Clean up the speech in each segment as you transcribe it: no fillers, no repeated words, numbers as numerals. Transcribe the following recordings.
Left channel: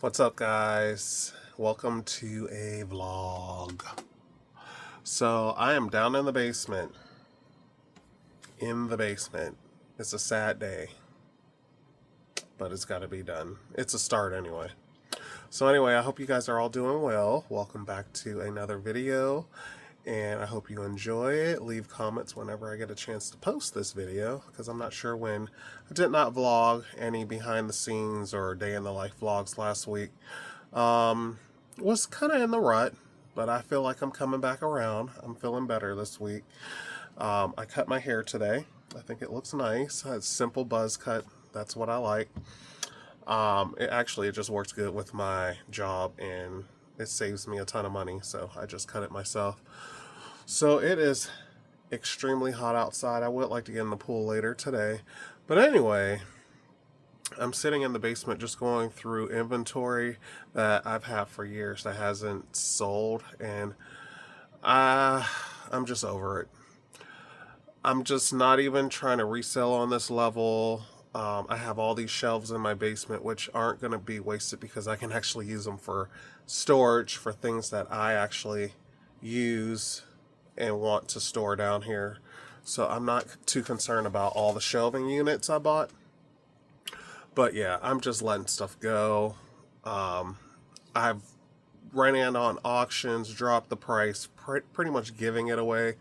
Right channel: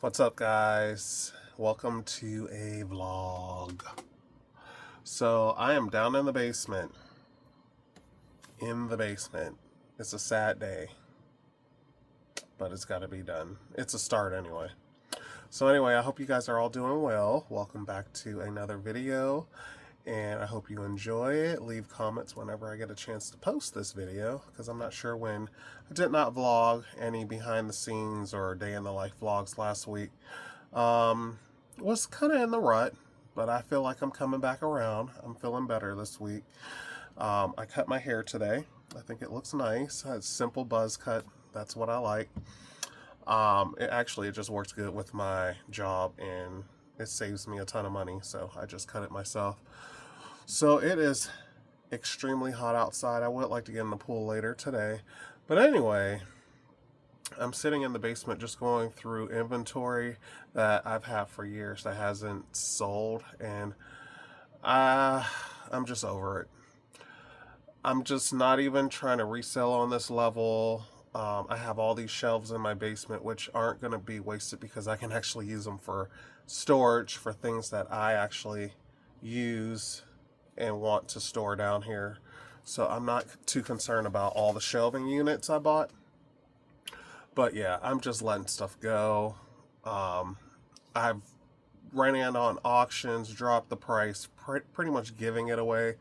What's up, guys? Welcome to a vlog. So I am down in the basement. It's a sad day, but it's got to be done. It's a start anyway. So anyway, I hope you guys are all doing well. Welcome back to another video, and I hope you enjoy it. Leave comments whenever I get a chance to post this video, because I'm not sure when. I did not vlog any behind the scenes or day in the life vlogs last week. Was kind of in the rut, but I feel like I'm coming back around. I'm feeling better this week. I cut my hair today. I think it looks nice. It's simple buzz cut. That's what I like. It just works good with my job, and it saves me a ton of money, so I just cut it myself. So it is extremely hot outside. I would like to get in the pool later today, but anyway, I'm sitting in the basement just going through inventory that I've had for years that hasn't sold, and I'm just over it. I'm just not even trying to resell on this level. I have all these shelves in my basement which aren't going to be wasted because I can actually use them for storage for things that I actually use and want to store down here. So I'm not too concerned about all the shelving units I bought. But yeah, I'm just letting stuff go. I've ran in on auctions, dropped the price, pretty much giving it away.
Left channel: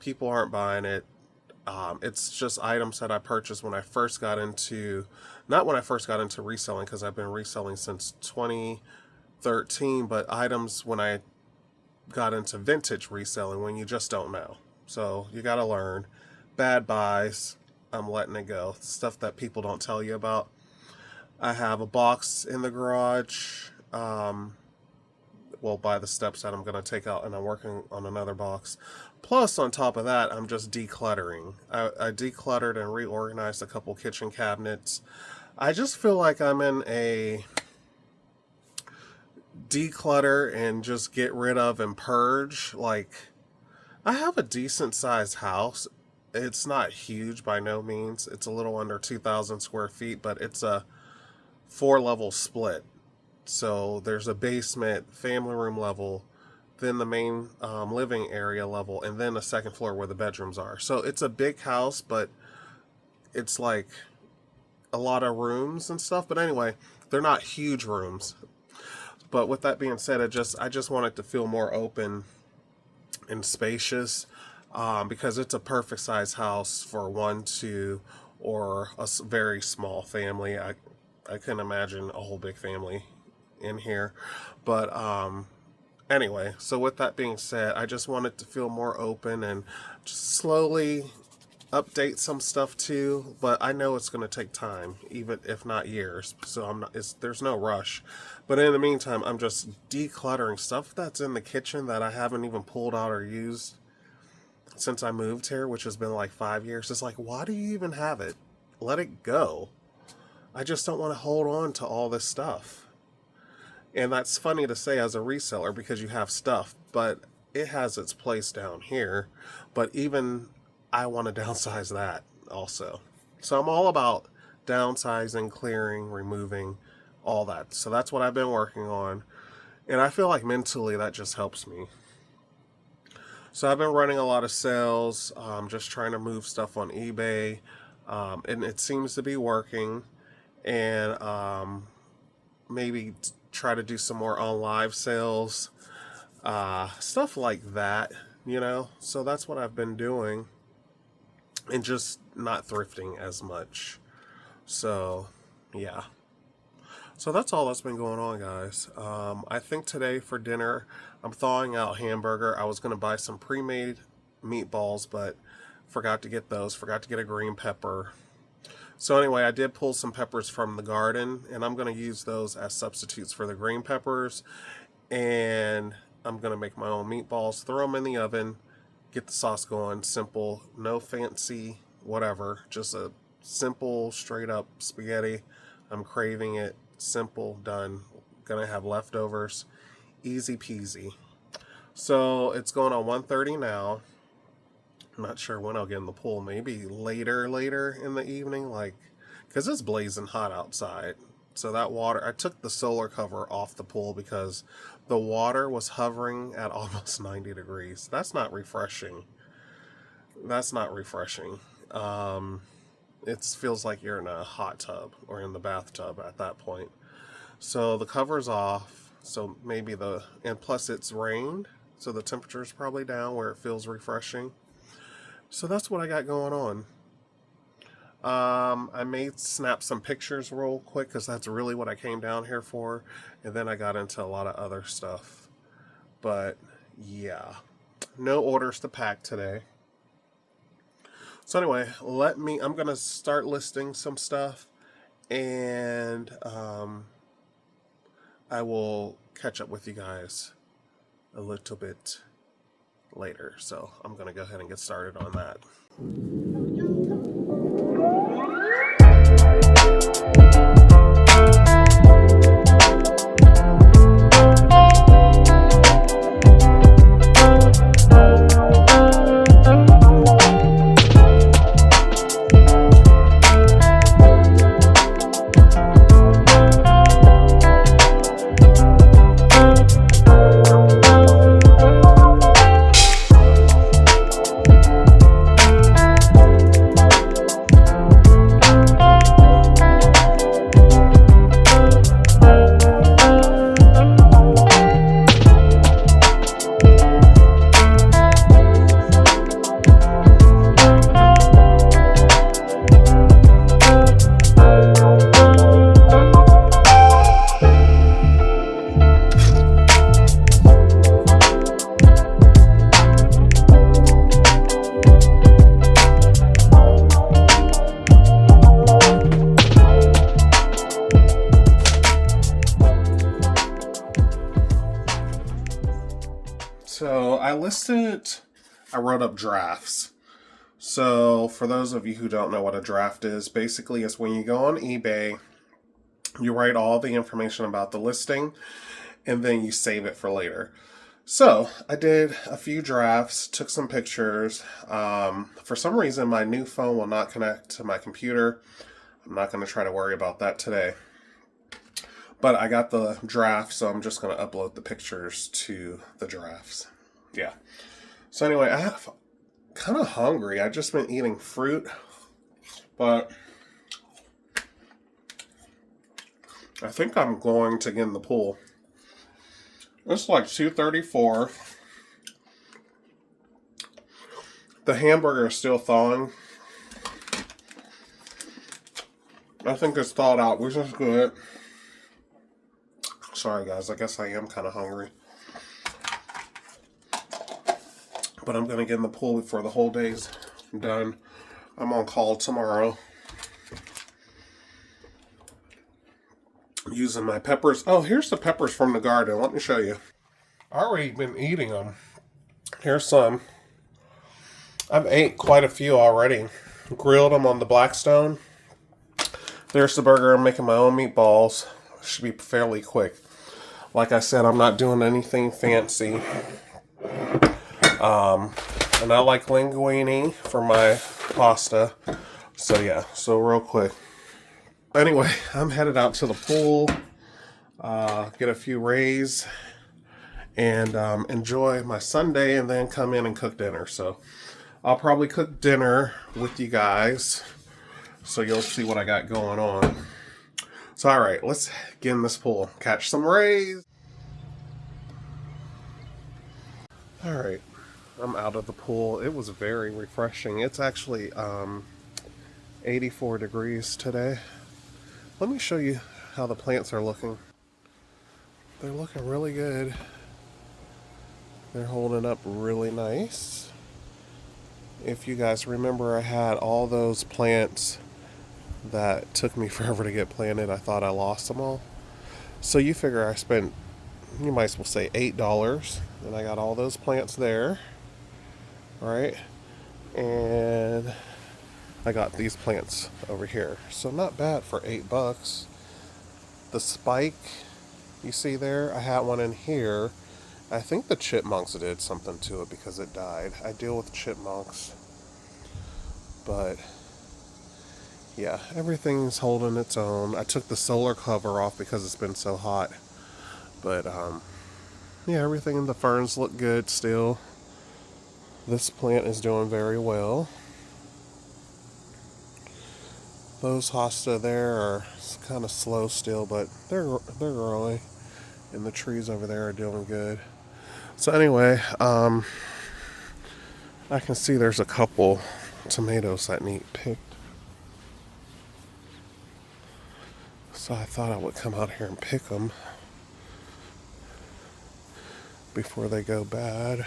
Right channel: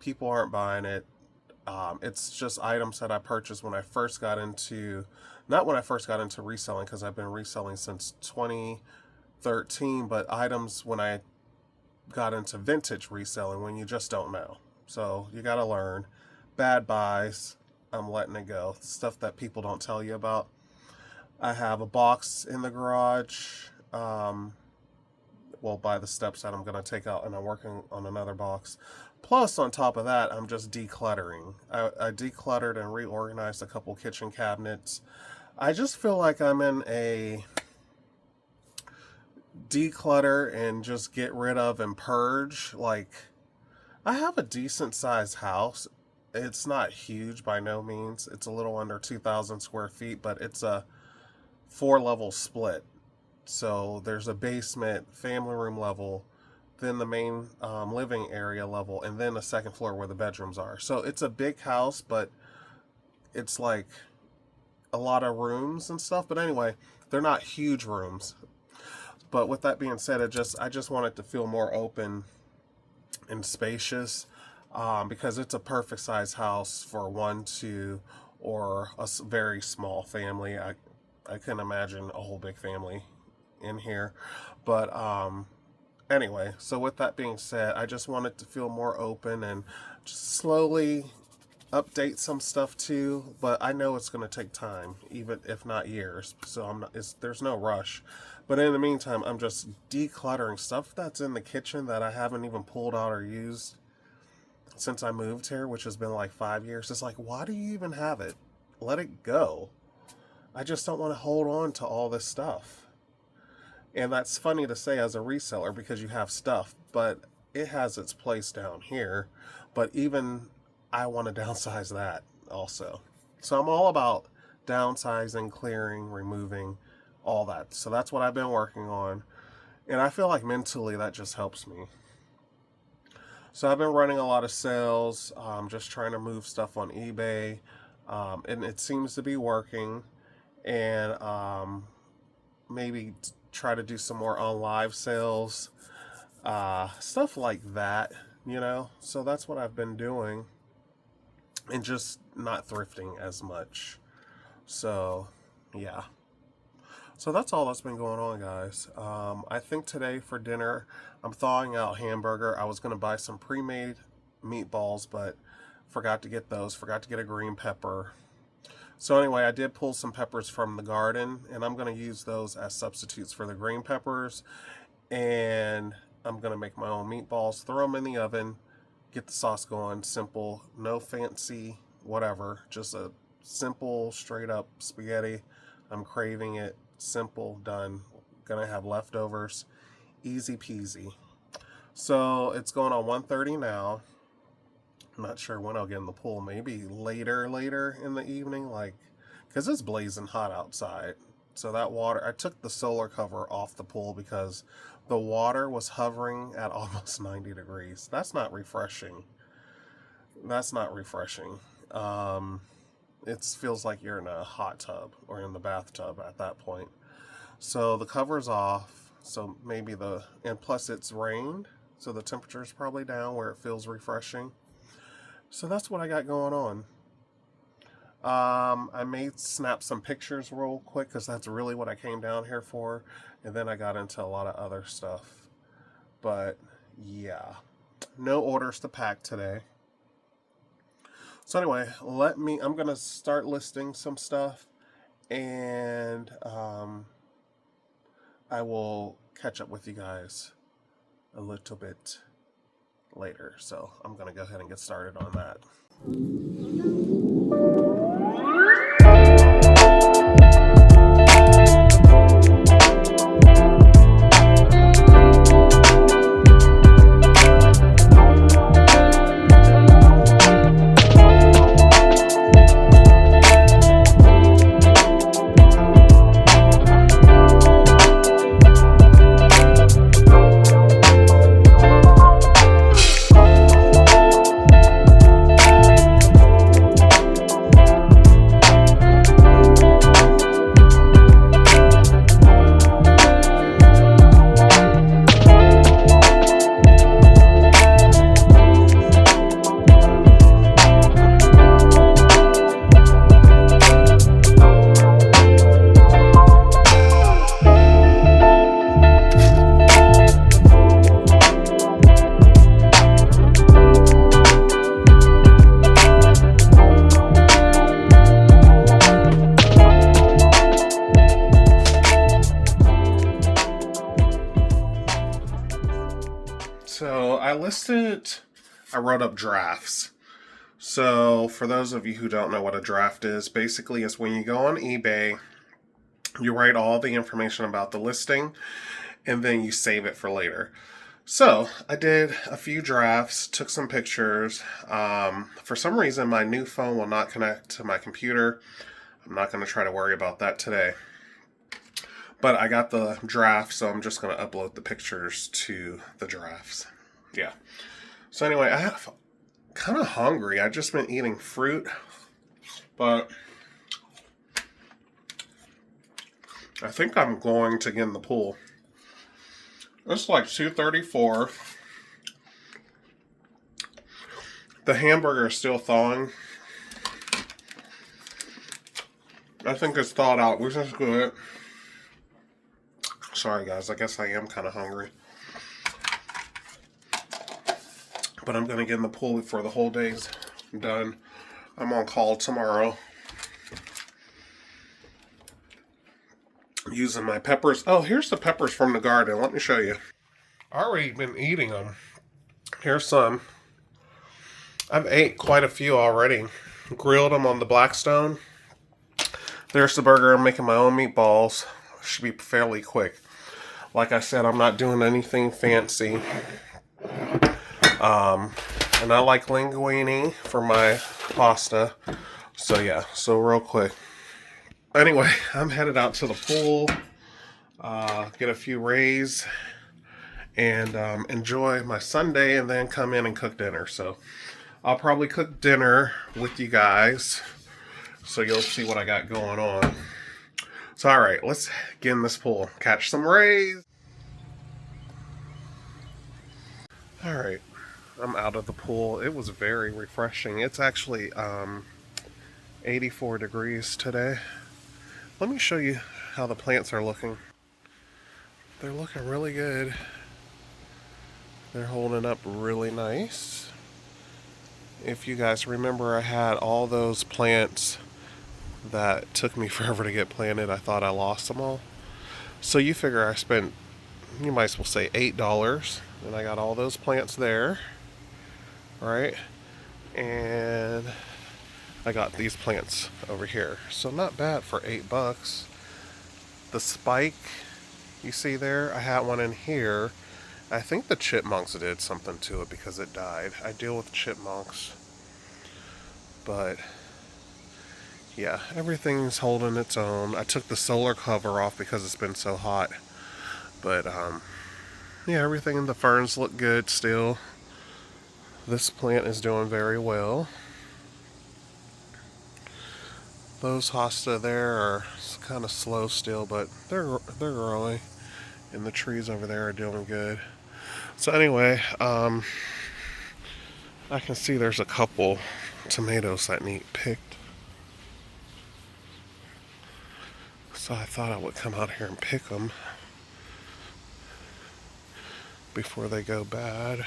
People aren't buying it. It's just items that I purchased when I first got into, not when I first got into reselling, because I've been reselling since 2013, but items when I got into vintage reselling, when you just don't know. So you got to learn. Bad buys, I'm letting it go. Stuff that people don't tell you about. I have a box in the garage, by the steps that I'm going to take out, and I'm working on another box. Plus, on top of that, I'm just decluttering. I decluttered and reorganized a couple kitchen cabinets. I just feel like I'm in a declutter and just get rid of and purge. Like, I have a decent sized house. It's not huge by no means. It's a little under 2,000 square feet, but it's a 4-level split. So there's a basement, family room level, then the main living area level, and then the second floor where the bedrooms are. So it's a big house, but it's like a lot of rooms and stuff. But anyway, they're not huge rooms. But with that being said, I just want it to feel more open and spacious, because it's a perfect size house for 1, 2, or a very small family. I couldn't imagine a whole big family in here. But anyway, so with that being said, I just want it to feel more open and just slowly update some stuff too. But I know it's going to take time, even if not years. So there's no rush. But in the meantime, I'm just decluttering stuff that's in the kitchen that I haven't even pulled out or used since I moved here, which has been like 5 years. It's like, why do you even have it? Let it go. I just don't want to hold on to all this stuff. And that's funny to say as a reseller because you have stuff, but it has its place down here. But even I want to downsize that also. So I'm all about downsizing, clearing, removing, all that. So that's what I've been working on. And I feel like mentally that just helps me. So I've been running a lot of sales, just trying to move stuff on eBay. And it seems to be working. And maybe try to do some more on live sales, stuff like that, so that's what I've been doing, and just not thrifting as much. So yeah, so that's all that's been going on, guys. I think today for dinner I'm thawing out hamburger. I was going to buy some pre-made meatballs, but forgot to get a green pepper. So anyway, I did pull some peppers from the garden, and I'm going to use those as substitutes for the green peppers. And I'm going to make my own meatballs, throw them in the oven, get the sauce going. Simple, no fancy, whatever. Just a simple, straight up spaghetti. I'm craving it. Simple, done. Going to have leftovers. Easy peasy. So it's going on 1:30 now. I'm not sure when I'll get in the pool. Maybe later in the evening, because it's blazing hot outside. So that water, I took the solar cover off the pool because the water was hovering at almost 90 degrees. That's not refreshing. That's not refreshing. It feels like you're in a hot tub or in the bathtub at that point. So the cover's off. So maybe and plus it's rained. So the temperature's probably down where it feels refreshing. So that's what I got going on. I may snap some pictures real quick because that's really what I came down here for. And then I got into a lot of other stuff. But yeah, no orders to pack today. So anyway, I'm going to start listing some stuff. And I will catch up with you guys a little bit later. So I'm going to go ahead and get started on that. So I wrote up drafts. So for those of you who don't know what a draft is, basically it's when you go on eBay, you write all the information about the listing, and then you save it for later. So I did a few drafts, took some pictures. For some reason, my new phone will not connect to my computer. I'm not going to try to worry about that today. But I got the draft, so I'm just going to upload the pictures to the drafts. Yeah. So anyway, I'm kind of hungry. I've just been eating fruit, but I think I'm going to get in the pool. It's like 2:34. The hamburger is still thawing. I think it's thawed out, which is good. Sorry guys, I guess I am kind of hungry. But I'm going to get in the pool before the whole day's done. I'm on call tomorrow. Using my peppers. Oh, here's the peppers from the garden. Let me show you. I've already been eating them. Here's some. I've ate quite a few already. Grilled them on the Blackstone. There's the burger. I'm making my own meatballs. Should be fairly quick. Like I said, I'm not doing anything fancy. And I like linguine for my pasta. So yeah, so real quick. Anyway, I'm headed out to the pool, get a few rays, and enjoy my Sunday, and then come in and cook dinner. So I'll probably cook dinner with you guys, so you'll see what I got going on. So all right, let's get in this pool, catch some rays. All right, I'm out of the pool. It was very refreshing. It's actually 84 degrees today. Let me show you how the plants are looking. They're looking really good. They're holding up really nice. If you guys remember, I had all those plants that took me forever to get planted. I thought I lost them all. So you figure I spent, you might as well say $8, and I got all those plants there, right? And I got these plants over here. So not bad for $8. The spike you see there, I had one in here. I think the chipmunks did something to it because it died. I deal with chipmunks. But yeah, everything's holding its own. I took the solar cover off because it's been so hot. But, yeah, everything in the ferns look good still. This plant is doing very well. Those hosta there are kind of slow still, but they're growing. And the trees over there are doing good. So anyway, I can see there's a couple tomatoes that need picked. So I thought I would come out here and pick them before they go bad.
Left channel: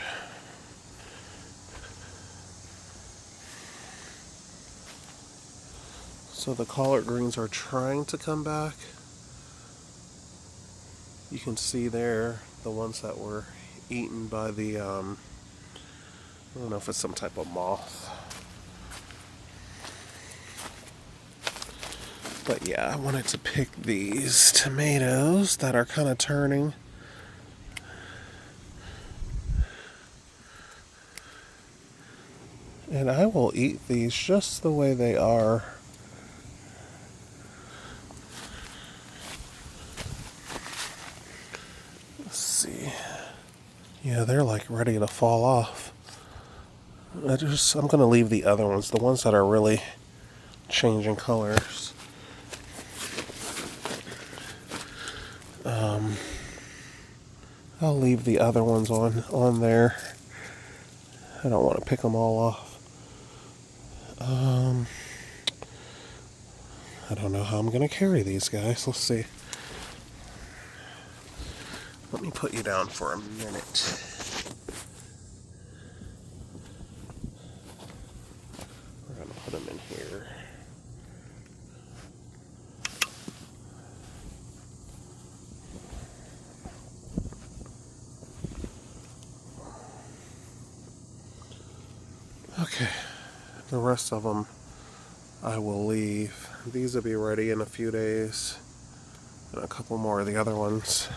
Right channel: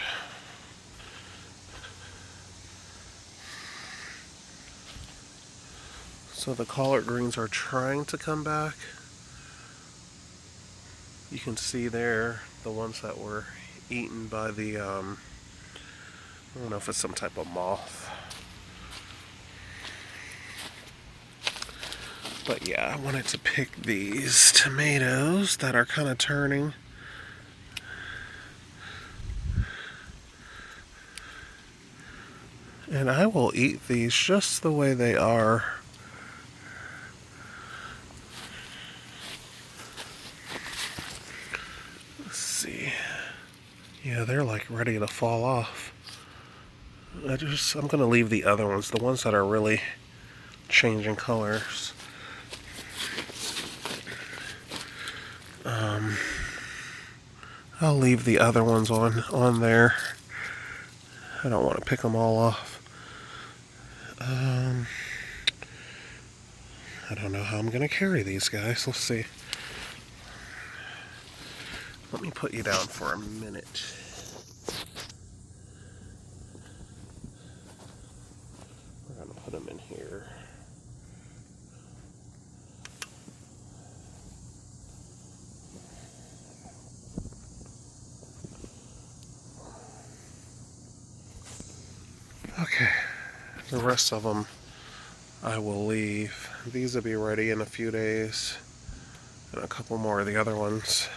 So the collard greens are trying to come back. You can see there the ones that were eaten by the, I don't know if it's some type of moth. But yeah, I wanted to pick these tomatoes that are kind of turning. And I will eat these just the way they are. Let's see. Yeah, they're like ready to fall off. I'm going to leave the other ones, the ones that are really changing colors. I'll leave the other ones on there. I don't want to pick them all off. I don't know how I'm going to carry these guys. Let's see. Let me put you down for a minute. We're going to put them in here. Okay, the rest of them I will leave. These will be ready in a few days, and a couple more of the other ones.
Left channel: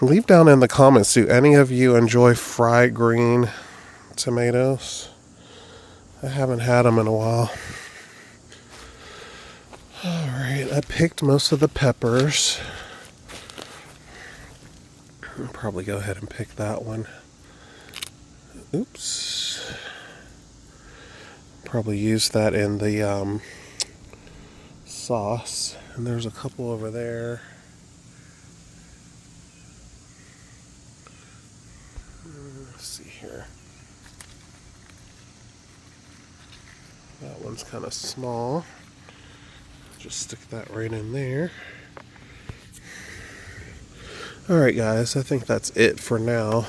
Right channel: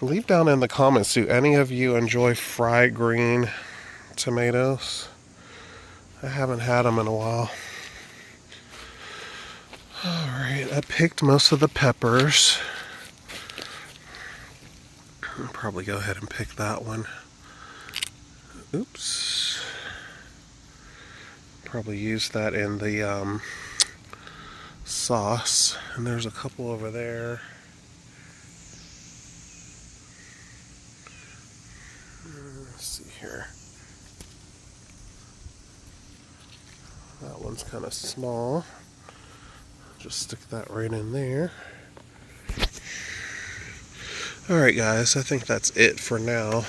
Leave down in the comments, do any of you enjoy fried green tomatoes? I haven't had them in a while. Alright, I picked most of the peppers. I'll probably go ahead and pick that one. Oops. Probably use that in the sauce. And there's a couple over there. Let's see here. That one's kind of small. Just stick that right in there. Alright guys, I think that's it for now.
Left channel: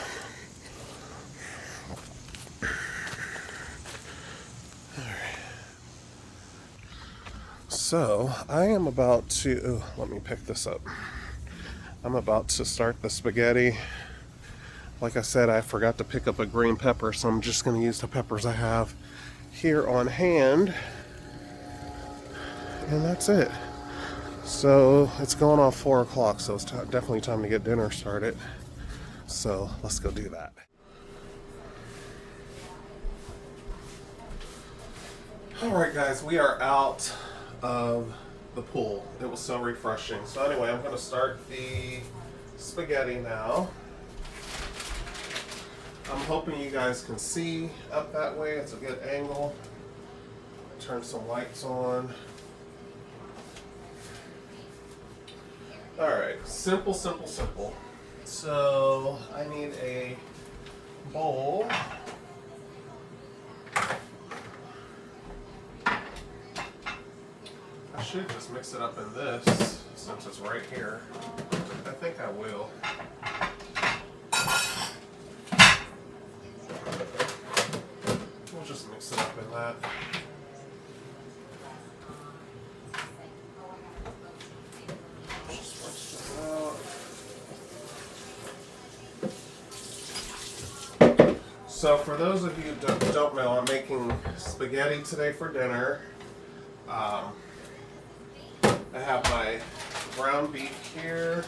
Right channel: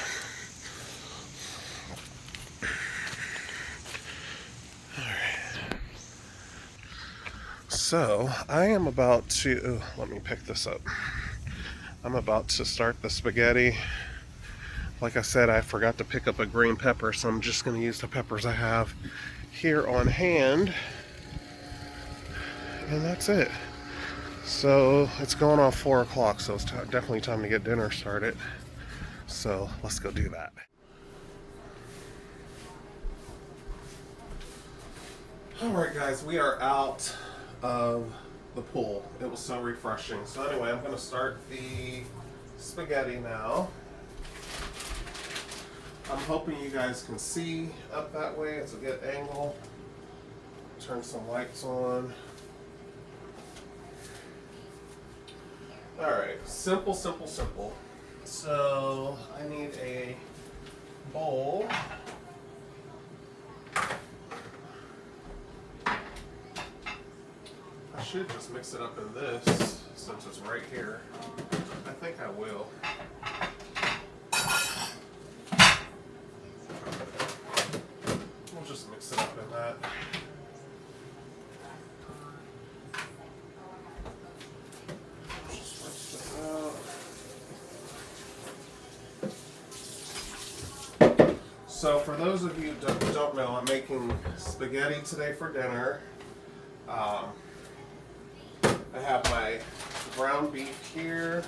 So, I am about to, let me pick this up. I'm about to start the spaghetti. Like I said, I forgot to pick up a green pepper, so I'm just going to use the peppers I have here on hand. And that's it. So, it's going on 4 o'clock, so it's definitely time to get dinner started. So, let's go do that. Alright guys, we are out of the pool. It was so refreshing. So anyway, I'm going to start the spaghetti now. I'm hoping you guys can see up that way. It's a good angle. Turn some lights on. Alright, simple. So I need a bowl. I should just mix it up in this since it's right here. I think I will. We'll just mix it up in that. Just rinse this out. So for those of you who don't know, I'm making spaghetti today for dinner. I have my ground beef here.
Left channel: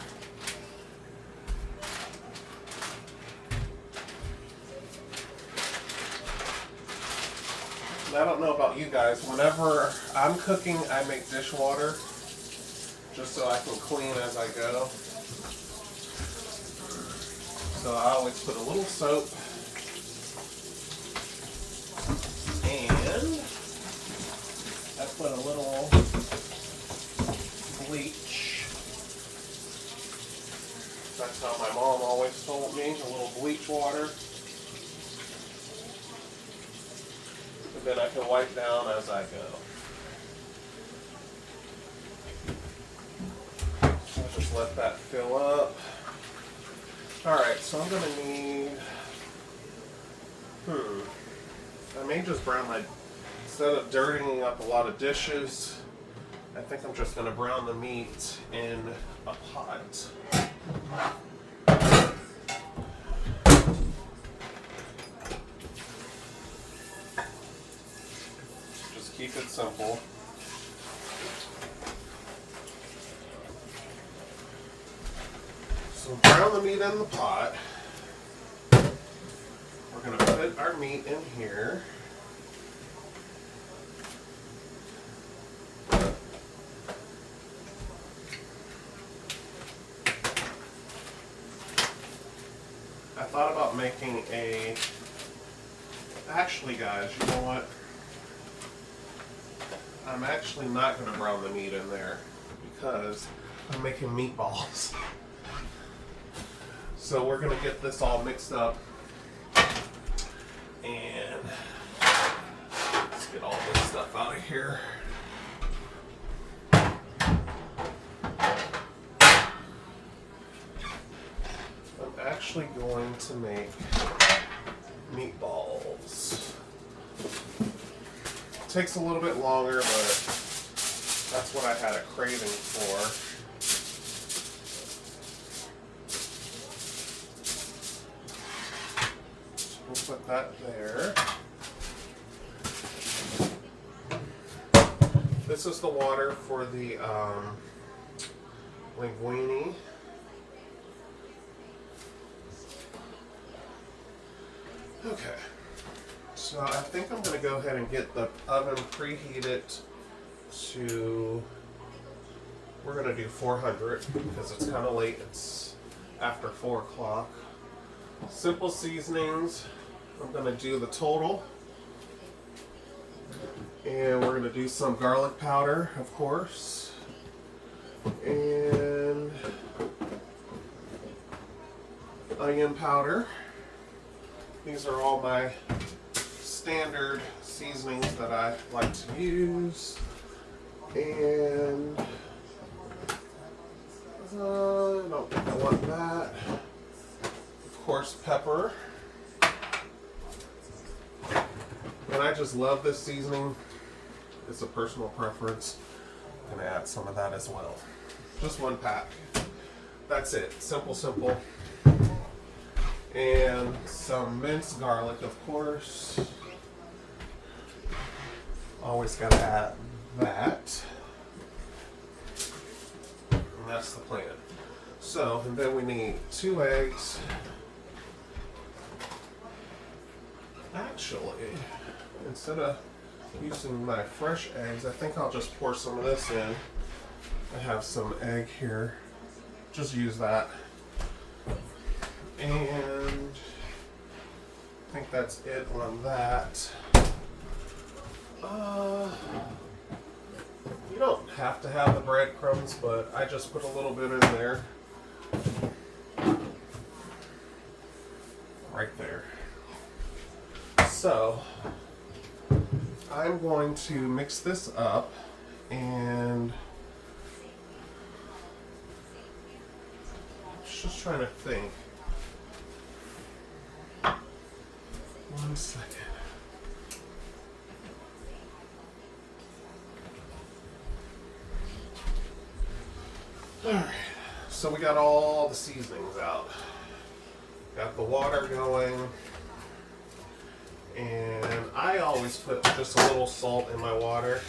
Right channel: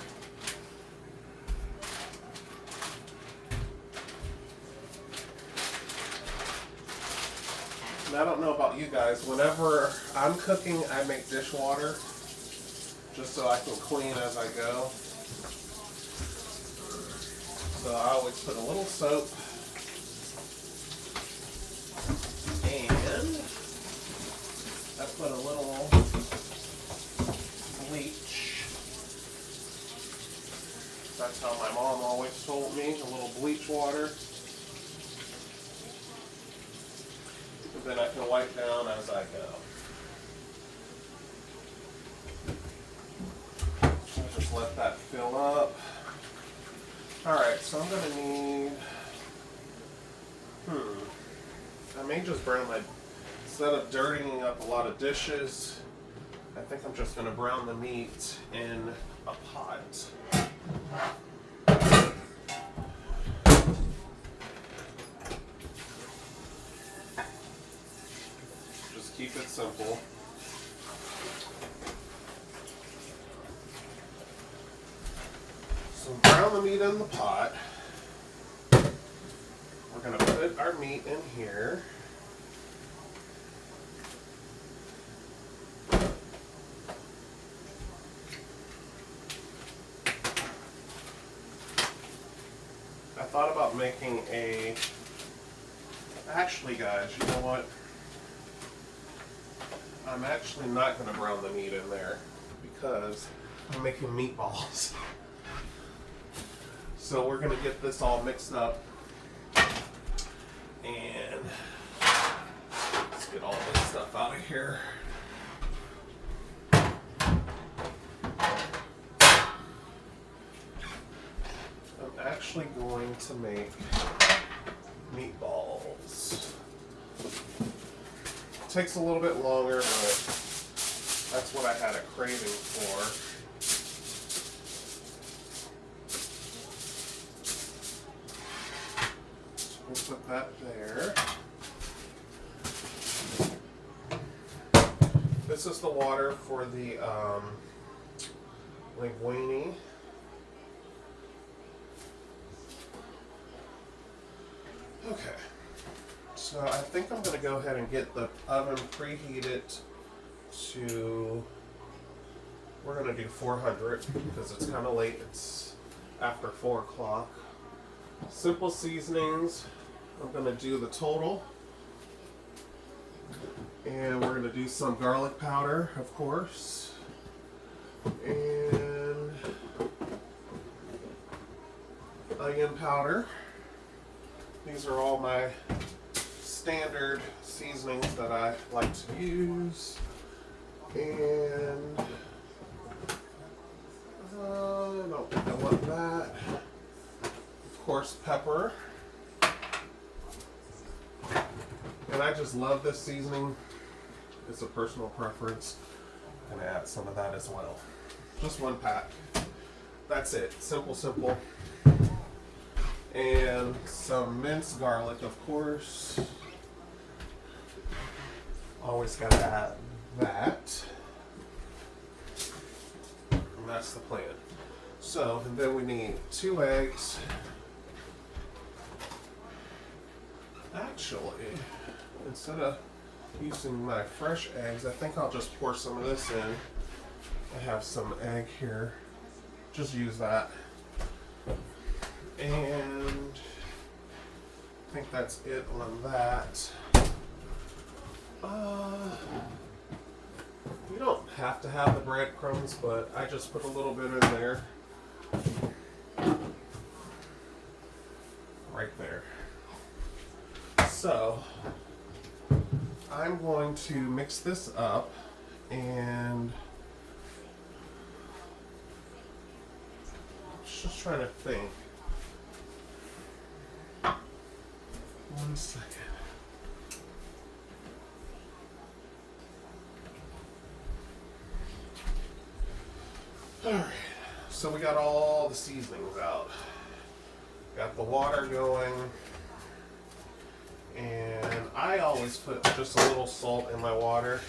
I don't know about you guys, whenever I'm cooking, I make dishwater just so I can clean as I go. So I always put a little soap and I put a little bleach. That's how my mom always told me, a little bleach water. And then I can wipe down as I go. I'll just let that fill up. Alright, so I'm going to need, I may just brown my, instead of dirtying up a lot of dishes, I think I'm just going to brown the meat in a pot. Just keep it simple. So brown the meat in the pot. We're going to put our meat in here. I thought about making a, actually guys, you know what? I'm actually not going to brown the meat in there because I'm making meatballs. So we're going to get this all mixed up and let's get all this stuff out of here. I'm actually going to make meatballs. It takes a little bit longer, but that's what I had a craving for. We'll put that there. This is the water for the linguine. Okay, so I think I'm going to go ahead and get the oven preheated to, we're going to do 400 because it's kind of late, it's after 4 o'clock. Simple seasonings, I'm going to do the total, and we're going to do some garlic powder, of course, and onion powder. These are all my standard seasonings that I like to use, and I don't think I want that. Of course, pepper. And I just love this seasoning. It's a personal preference. I'm going to add some of that as well. Just 1 pack. That's it. Simple, simple. And some minced garlic, of course. Always got to add that. And that's the plan. So, and then we need 2 eggs. Actually, instead of using my fresh eggs, I think I'll just pour some of this in. I have some egg here. Just use that. And I think that's it on that. You don't have to have the breadcrumbs, but I just put a little bit in there. Right there. So, I'm going to mix this up and just trying to think. 1 second. Alright, so we got all the seasonings out. Got the water going. And I always put just a little salt in my water.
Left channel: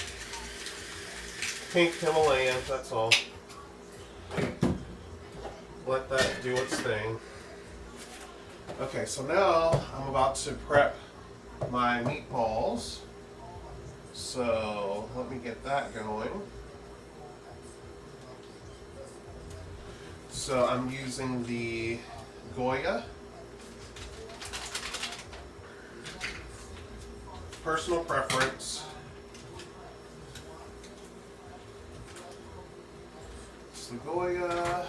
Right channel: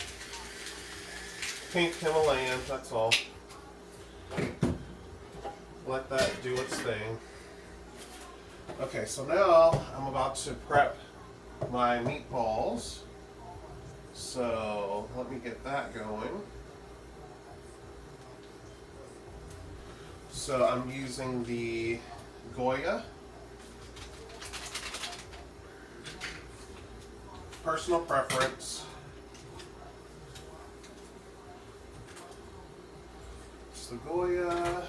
Pink Himalayan, that's all. Let that do its thing. Okay, so now I'm about to prep my meatballs. So let me get that going. So I'm using the Goya. Personal preference. It's the Goya.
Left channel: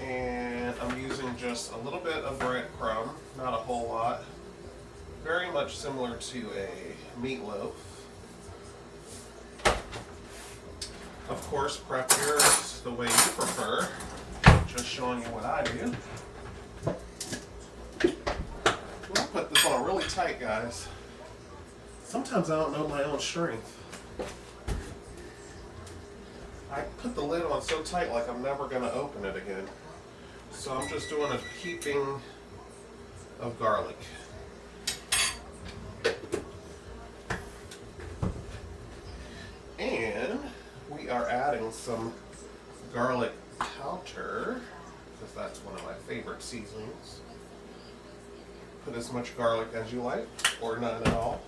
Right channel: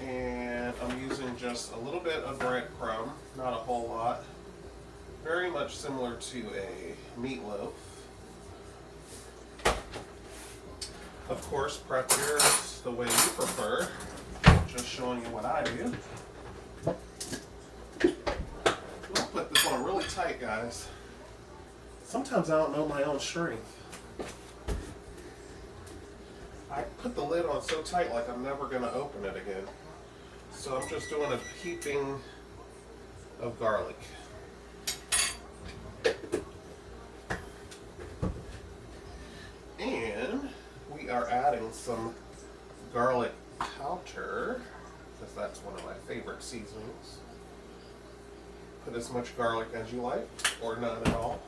And I'm using just a little bit of breadcrumb, not a whole lot. Very much similar to a meatloaf. Of course, prep yours the way you prefer. Just showing you what I do. I'll put this on really tight, guys. Sometimes I don't know my own strength. I put the lid on so tight like I'm never going to open it again. So I'm just doing a heaping of garlic. And we are adding some garlic powder, because that's one of my favorite seasonings. Put as much garlic as you like, or none at all.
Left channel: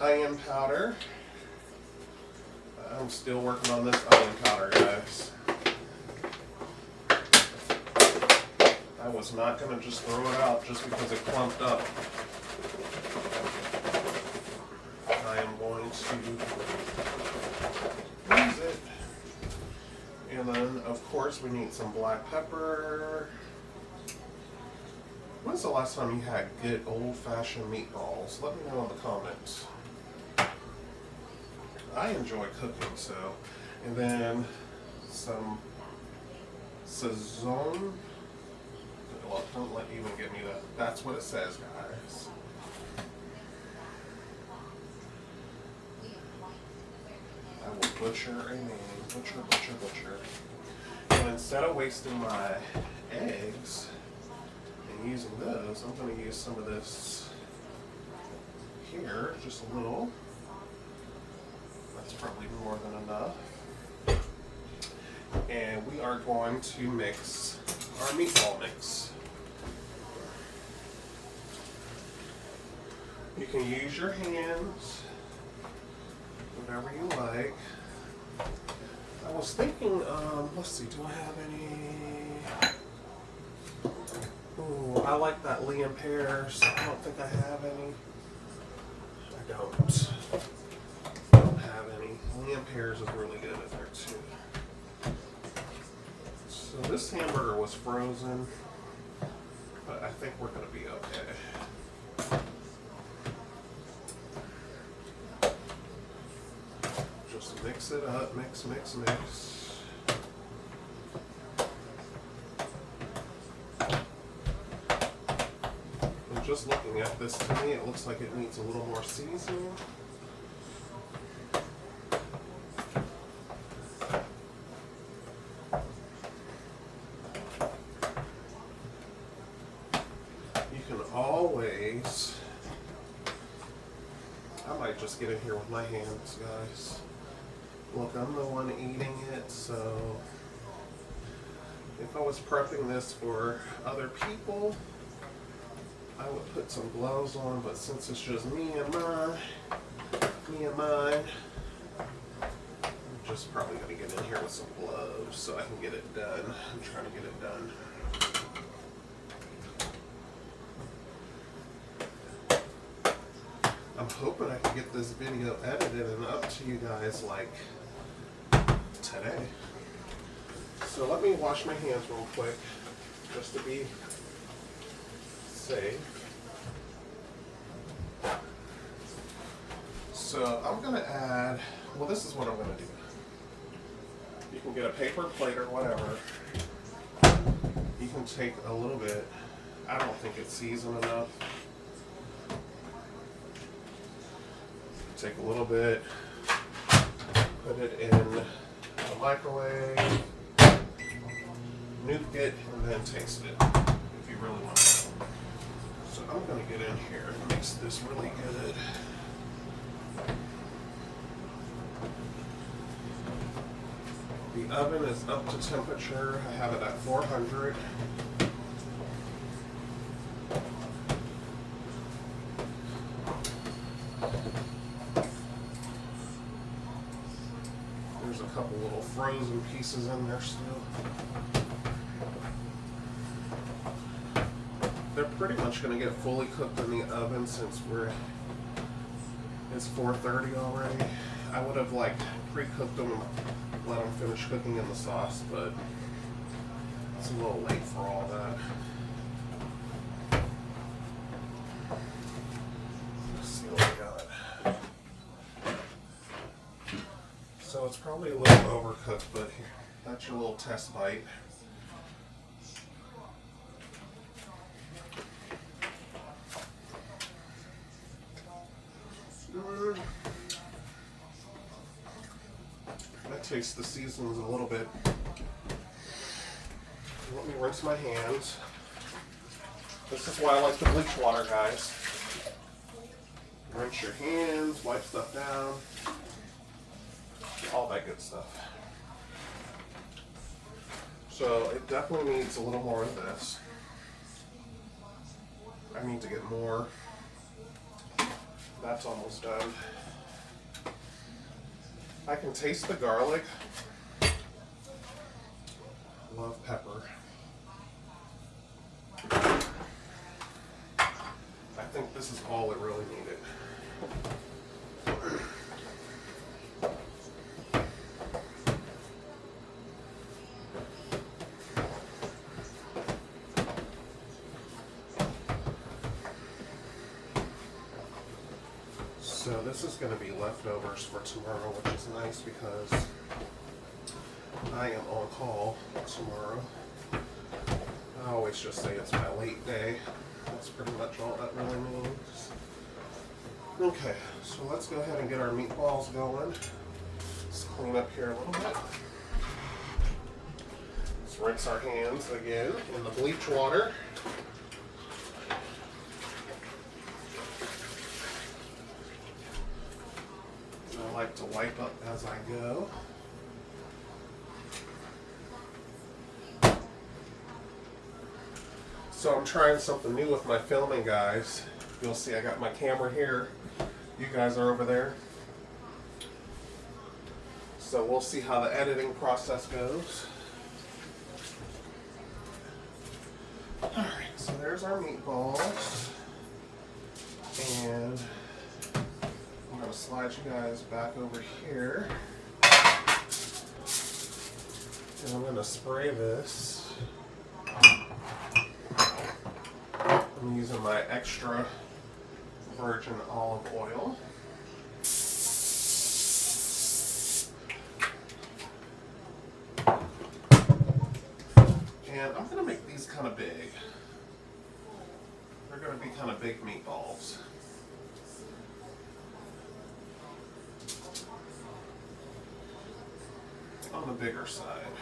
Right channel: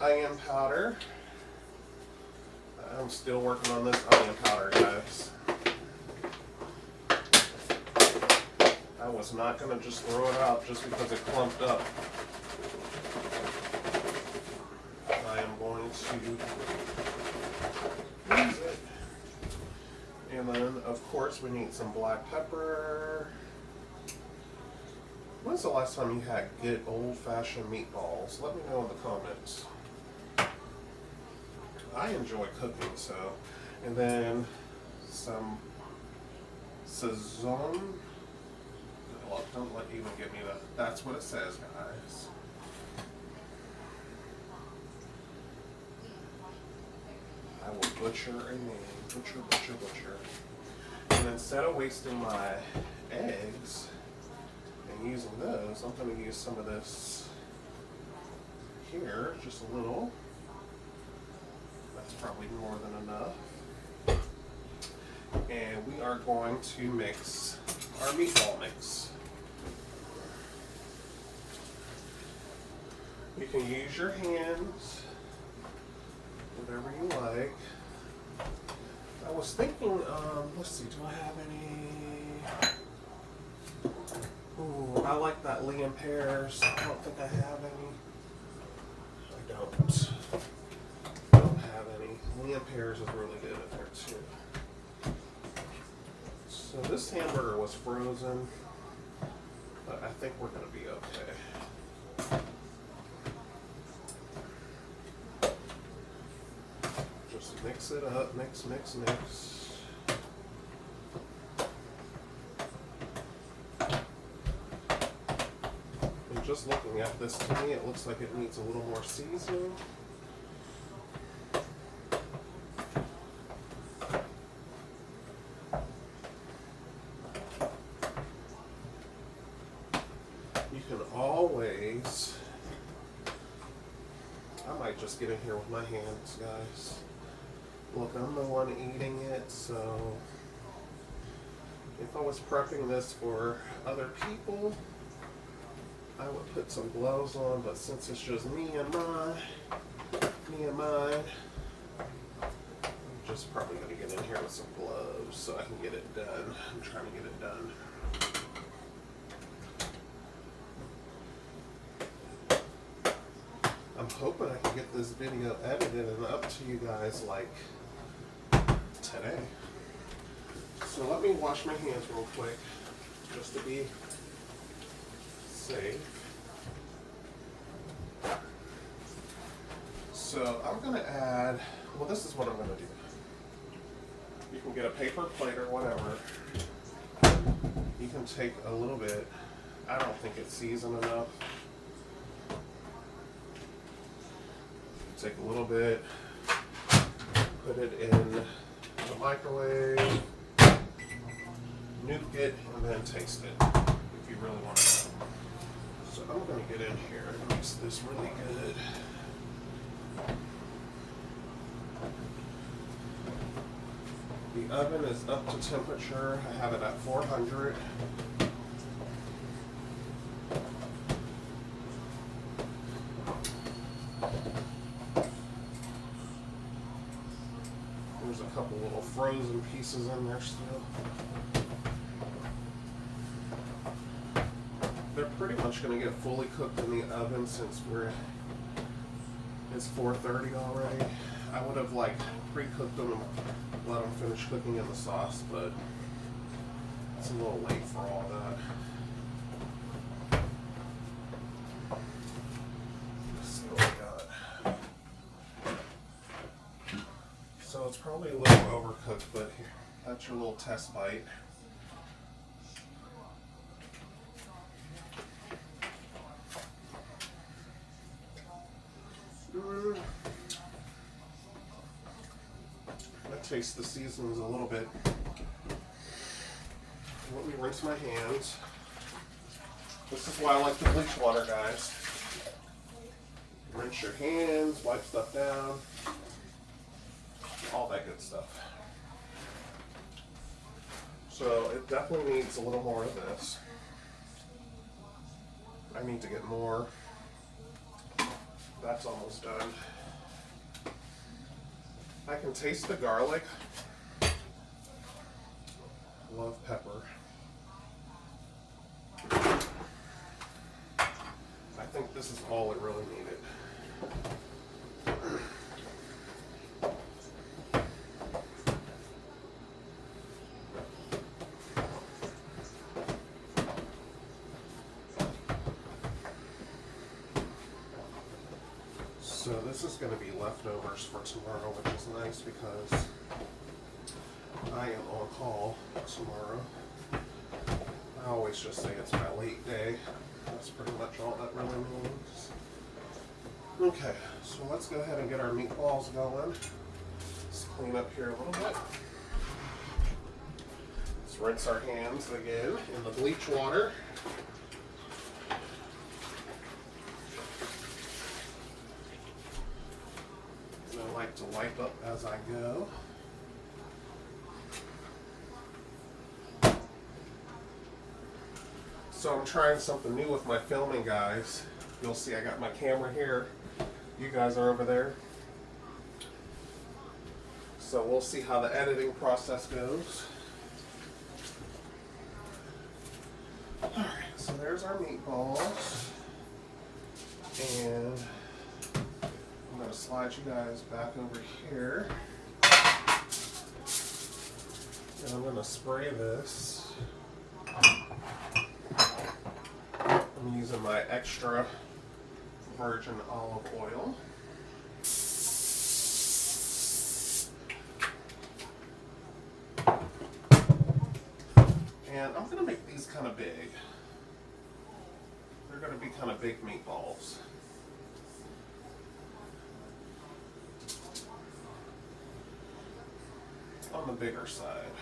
Onion powder. I'm still working on this onion powder, guys. I was not going to just throw it out just because it clumped up. I am going to use it. And then, of course, we need some black pepper. When's the last time you had good old-fashioned meatballs? Let me know in the comments. I enjoy cooking, so. And then some Sazon. Well, don't let you even give me that. That's what it says, guys. I will butcher a name. Butcher, butcher, butcher. And instead of wasting my eggs and using those, I'm going to use some of this here, just a little. That's probably more than enough. And we are going to mix our meatball mix. You can use your hands, whatever you like. I was thinking, let's see, do I have any? Ooh, I like that Liam pears. I don't think I have any. I don't have any. Liam pears is really good in there too. So this hamburger was frozen, but I think we're gonna be okay. Just mix it up, mix, mix, mix. And just looking at this, to me, it looks like it needs a little more seasoning. You can always, I might just get in here with my hands, guys. Look, I'm the one eating it, so if I was prepping this for other people, I would put some gloves on, but since it's just me and mine, I'm just probably gonna get in here with some gloves so I can get it done. I'm trying to get it done. I'm hoping I can get this video edited and up to you guys like today. So let me wash my hands real quick just to be safe. So I'm gonna add, well, this is what I'm gonna do. You can get a paper plate or whatever. You can take a little bit. I don't think it's seasoned enough. Take a little bit, put it in the microwave, nuke it, and then taste it if you really want to know. So I'm going to get in here and mix this really good. The oven is up to temperature. I have it at 400. frozen pieces in there still. They're pretty much going to get fully cooked in the oven since it's 4:30 already. I would have like pre-cooked them and let them finish cooking in the sauce, but it's a little late for all that. Let's see what we got. So it's probably a little overcooked, but here, that's your little test bite. I taste the seasonings a little bit. Let me rinse my hands. This is why I like the bleach water, guys. Rinse your hands, wipe stuff down, all that good stuff. So it definitely needs a little more of this. I need to get more. That's almost done. I can taste the garlic. Love pepper. I think this is all it really needed. So this is going to be leftovers for tomorrow, which is nice because I am on call tomorrow. I always just say it's my late day. That's pretty much all that really means. Okay, so let's go ahead and get our meatballs going. Let's clean up here a little bit. Let's rinse our hands again in the bleach water. I like to wipe up as I go. So I'm trying something new with my filming, guys. You'll see I got my camera here. You guys are over there. So we'll see how the editing process goes. Alright, so there's our meatballs. And I'm going to slide you guys back over here. And I'm going to spray this. I'm using my extra virgin olive oil. And I'm going to make these kind of big. They're going to be kind of big meatballs. On the bigger side.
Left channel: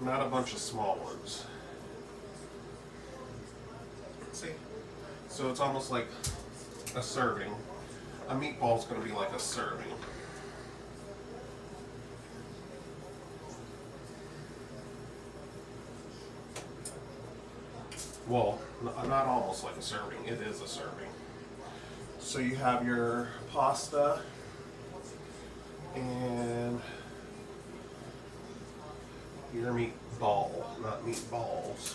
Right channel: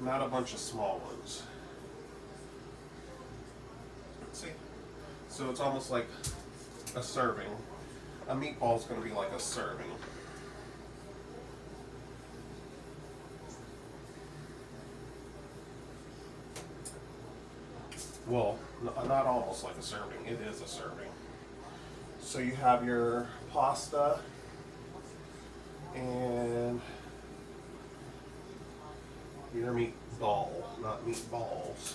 Not a bunch of small ones. See? So it's almost like a serving. A meatball is going to be like a serving. Well, not almost like a serving. It is a serving. So you have your pasta and your meatball, not meatballs.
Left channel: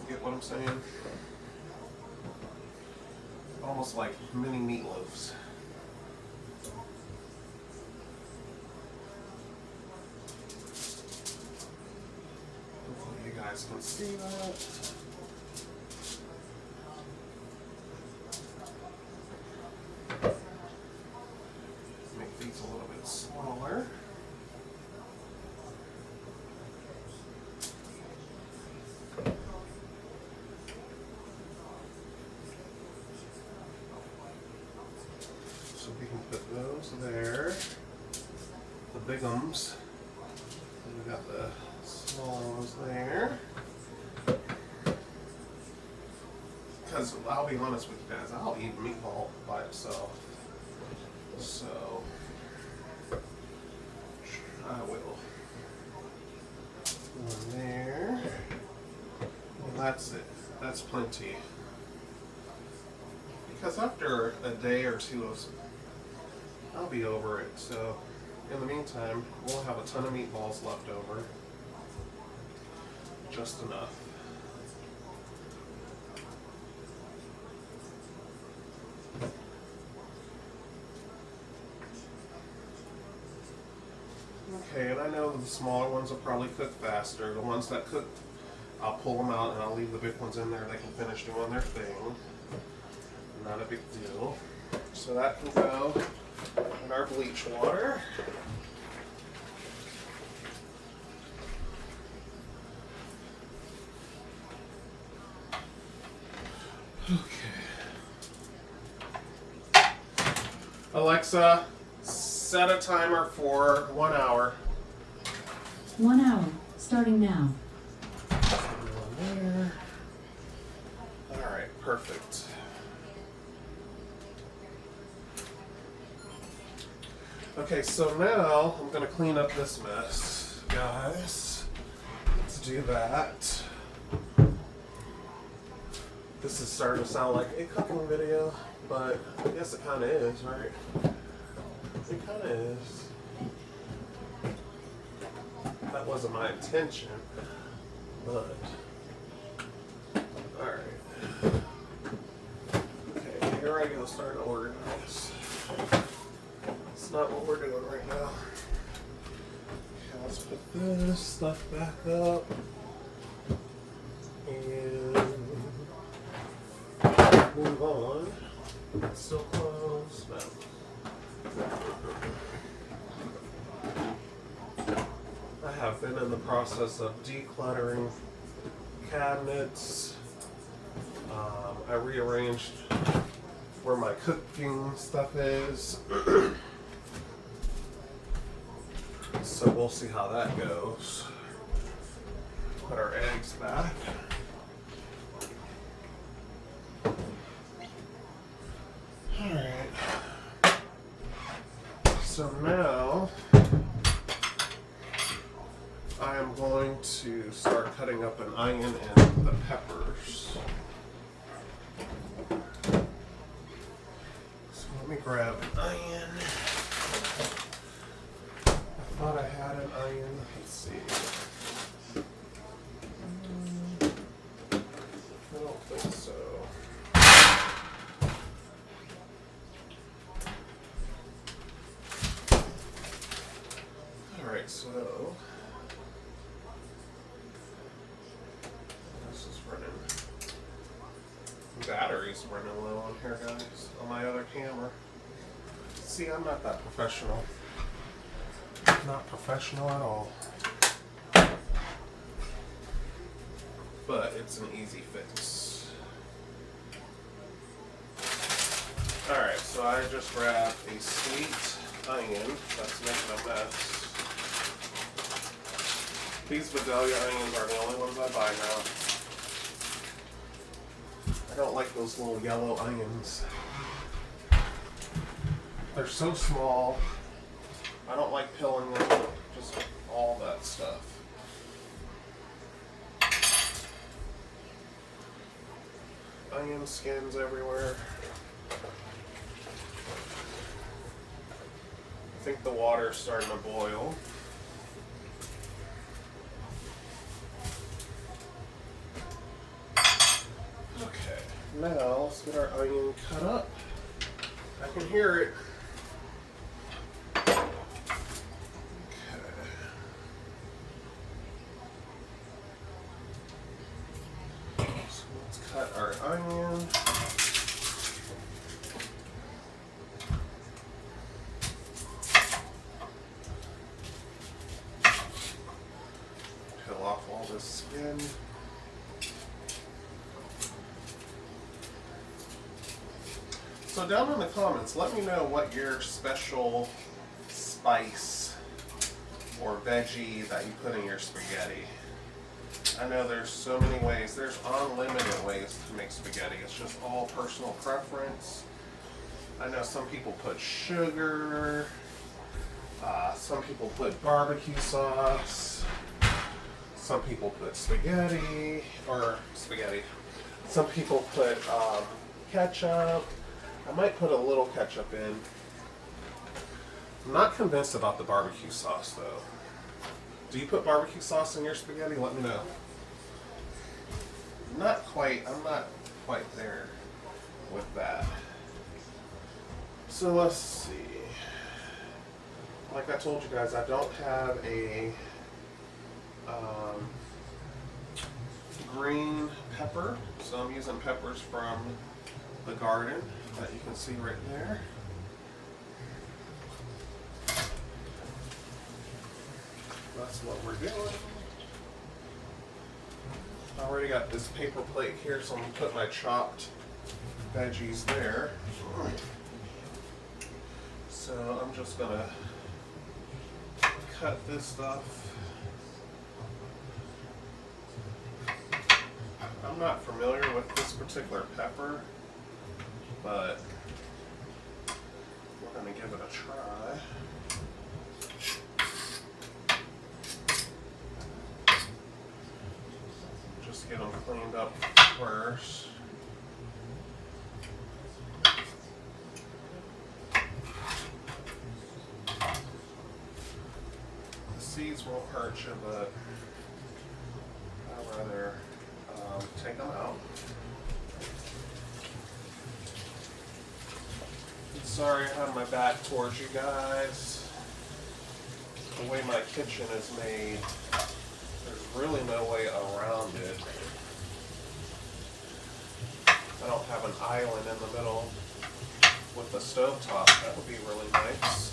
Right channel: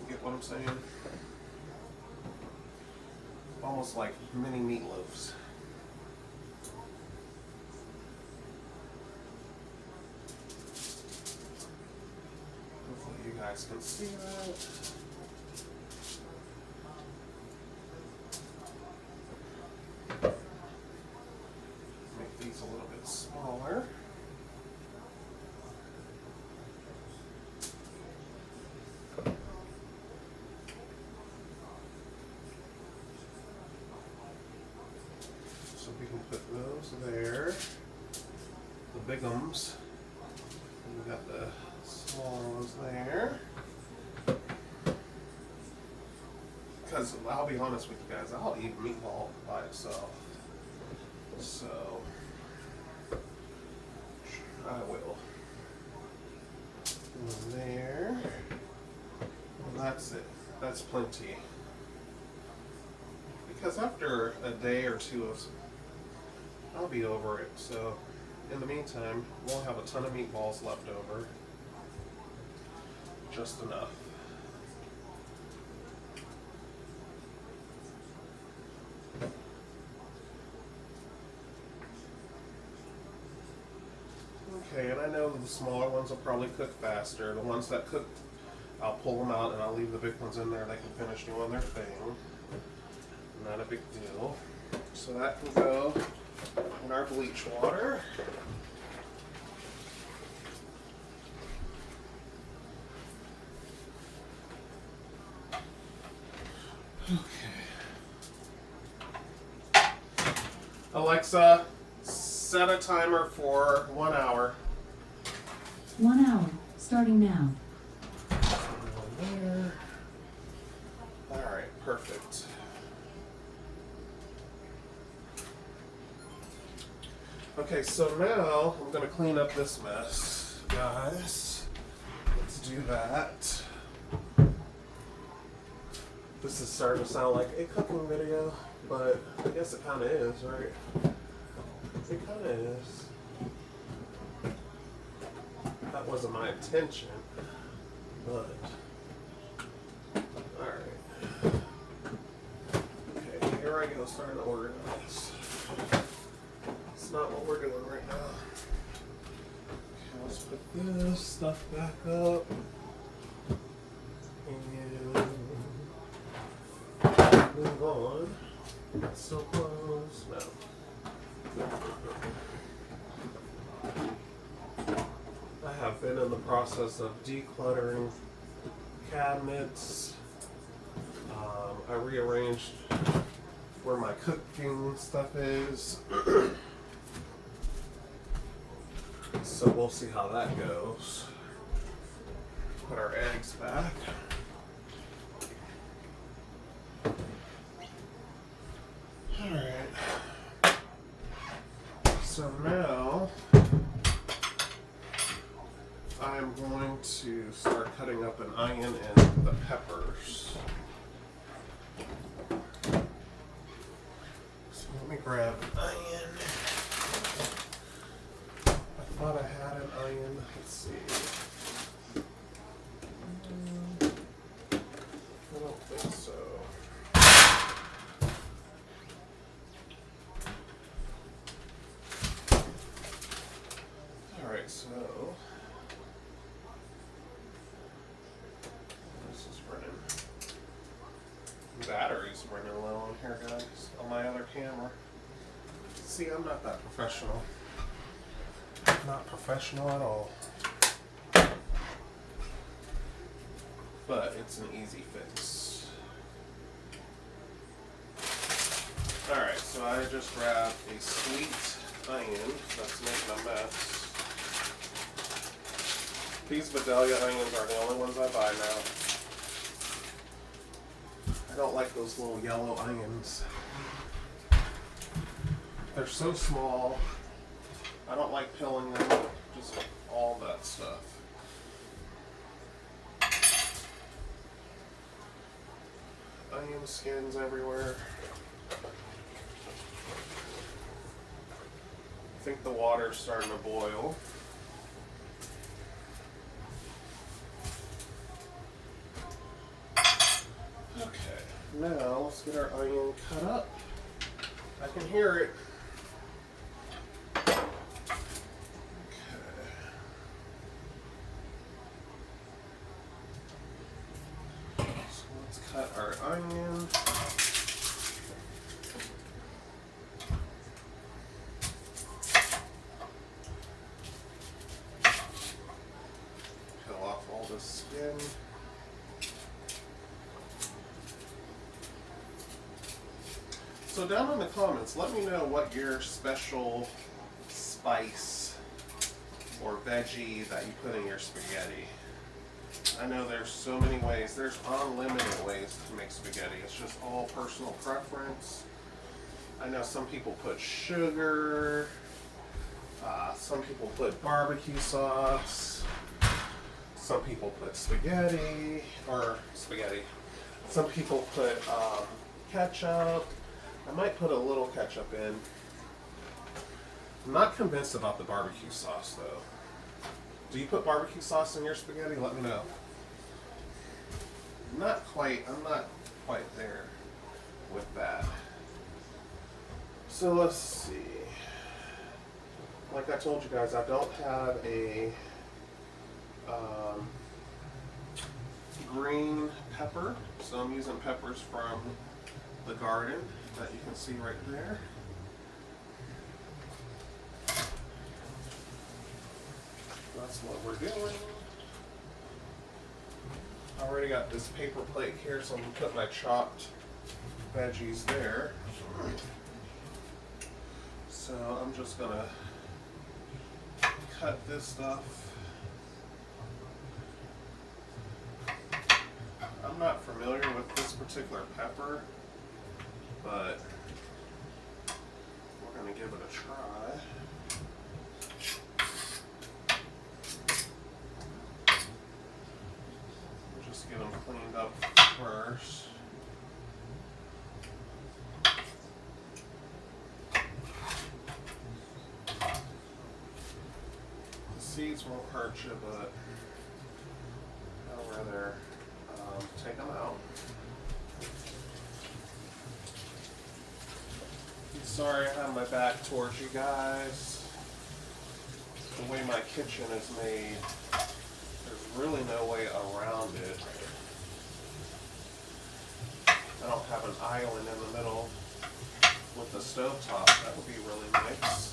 You get what I'm saying? Almost like mini meatloaves. Hopefully you guys can see that. Make these a little bit smaller. So we can put those there, the big ums, and we got the small ones there. Because I'll be honest with you guys, I'll eat meatball by itself. So I will. One there. And that's it. That's plenty. Because after a day or two of, I'll be over it. So in the meantime, we'll have a ton of meatballs left over. Just enough. Okay, and I know the smaller ones will probably cook faster. The ones that cook, I'll pull them out and I'll leave the big ones in there. They can finish doing their thing. Not a big deal. So that can go in our bleach water. Okay. Alexa, set a timer for 1 hour. 1 hour, starting now. Everyone there. All right, perfect. Okay, so now I'm gonna clean up this mess, guys. Let's do that. This is starting to sound like a cooking video, but I guess it kind of is, right? It kind of is. That wasn't my intention, but alright. Okay, here I go, starting to organize. It's not what we're doing right now. Okay, let's put this stuff back up. And move on. It's still closed. No. I have been in the process of decluttering cabinets. I rearranged where my cooking stuff is. So we'll see how that goes. Put our eggs back. Alright. So now I am going to start cutting up an onion and the peppers. So let me grab an onion. I thought I had an onion. Let's see. I don't think so. Alright, so this is running. Battery's running low on here, guys, on my other camera. See, I'm not that professional. Not professional at all. But it's an easy fix. Alright, so I just grabbed a sweet onion that's making a mess. These Vidalia onions are the only ones I buy now. I don't like those little yellow onions. They're so small. I don't like peeling them, just all that stuff. Onion skins everywhere. I think the water's starting to boil. Okay, now let's get our onion cut up. I can hear it. Cut our onion. Peel off all this skin. So down in the comments, let me know what your special spice or veggie that you put in your spaghetti. I know there's so many ways. There's unlimited ways to make spaghetti. It's just all personal preference. I know some people put sugar. Some people put barbecue sauce. Some people put spaghetti. Some people put ketchup. I might put a little ketchup in. I'm not convinced about the barbecue sauce though. Do you put barbecue sauce in your spaghetti? Let me know. Not quite, I'm not quite there with that. So let's see. Like I told you guys, I don't have a green pepper, so I'm using peppers from the garden that you can see right there. That's what we're doing. I already got this paper plate here, so I'm gonna put my chopped veggies there. So I'm just gonna cut this stuff. I'm not familiar with this particular pepper, but we're gonna give it a try. Just get them cleaned up first. The seeds won't hurt you, but I'd rather take them out. Sorry I have my back towards you guys. The way my kitchen is made, there's really no way around it. I don't have an island in the middle with the stovetop. That would be really nice.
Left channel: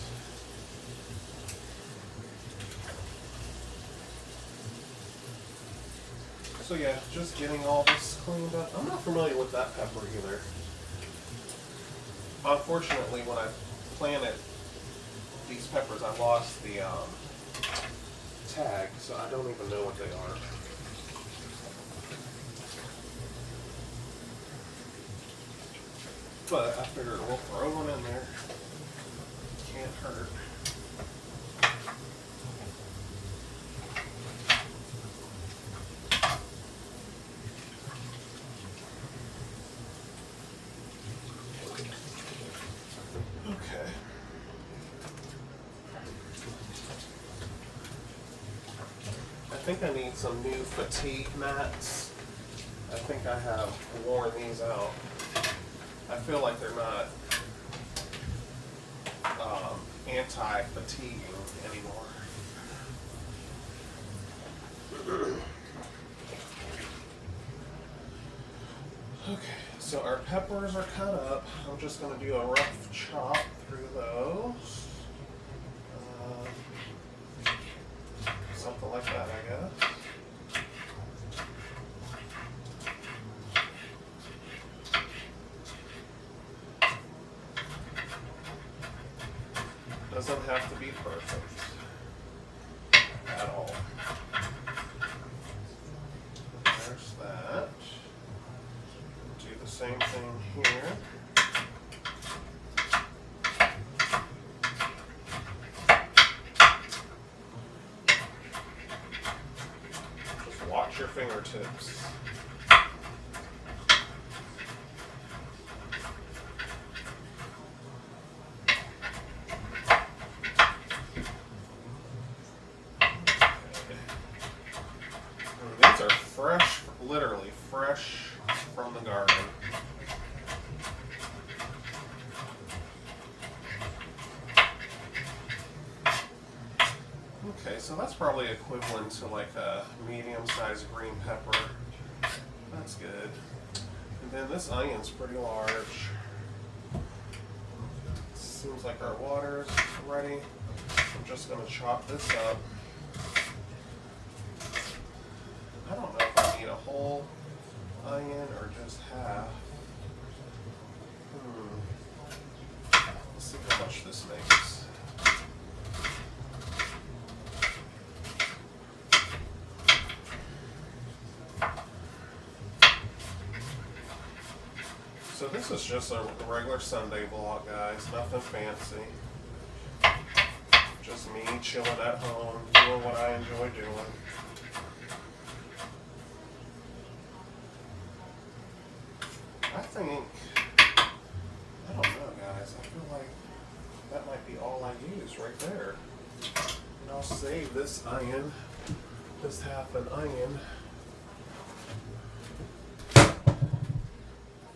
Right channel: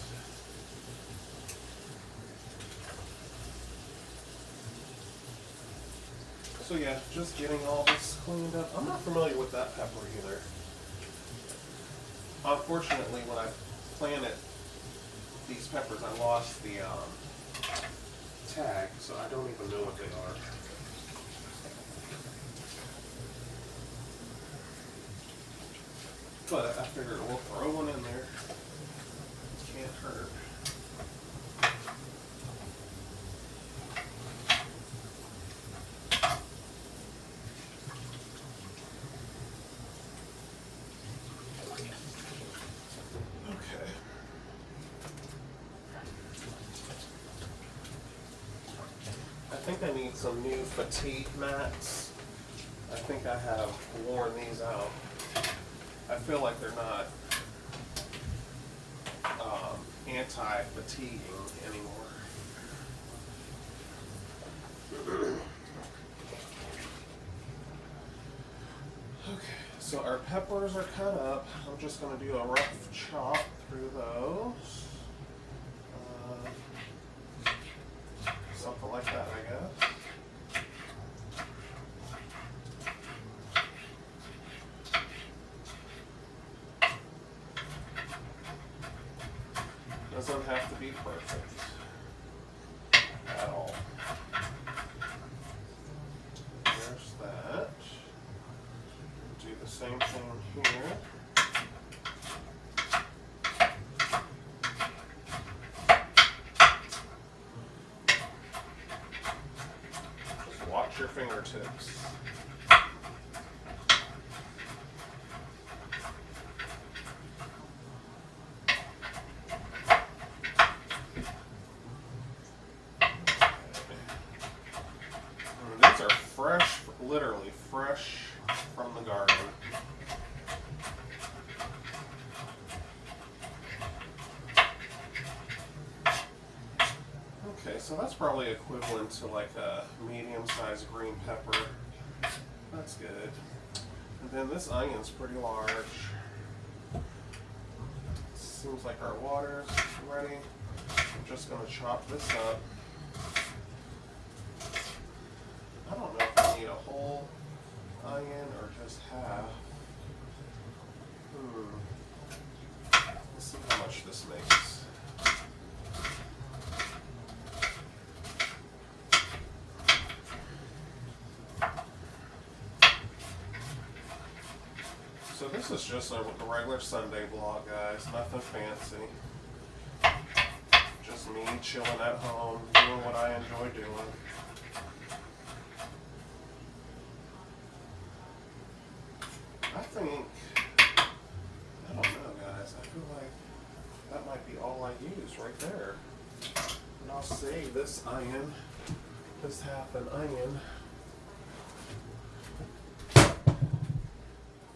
So yeah, just getting all this cleaned up. I'm not familiar with that pepper either. Unfortunately, when I planted these peppers, I lost the tag, so I don't even know what they are. But I figured we'll throw one in there. Can't hurt. Okay. I think I need some new fatigue mats. I think I have worn these out. I feel like they're not anti-fatiguing anymore. Okay, so our peppers are cut up. I'm just going to do a rough chop through those. Something like that, I guess. Doesn't have to be perfect at all. There's that. Do the same thing here. Just watch your fingertips. These are fresh, literally fresh from the garden. Okay, so that's probably equivalent to like a medium-sized green pepper. That's good. And then this onion's pretty large. Seems like our water's ready. I'm just gonna chop this up. I don't know if I need a whole onion or just half. Let's see how much this makes. So this is just a regular Sunday vlog, guys. Nothing fancy. Just me chilling at home, doing what I enjoy doing. I think, I don't know, guys. I feel like That might be all I use right there. And I'll save this iron, this half an iron. I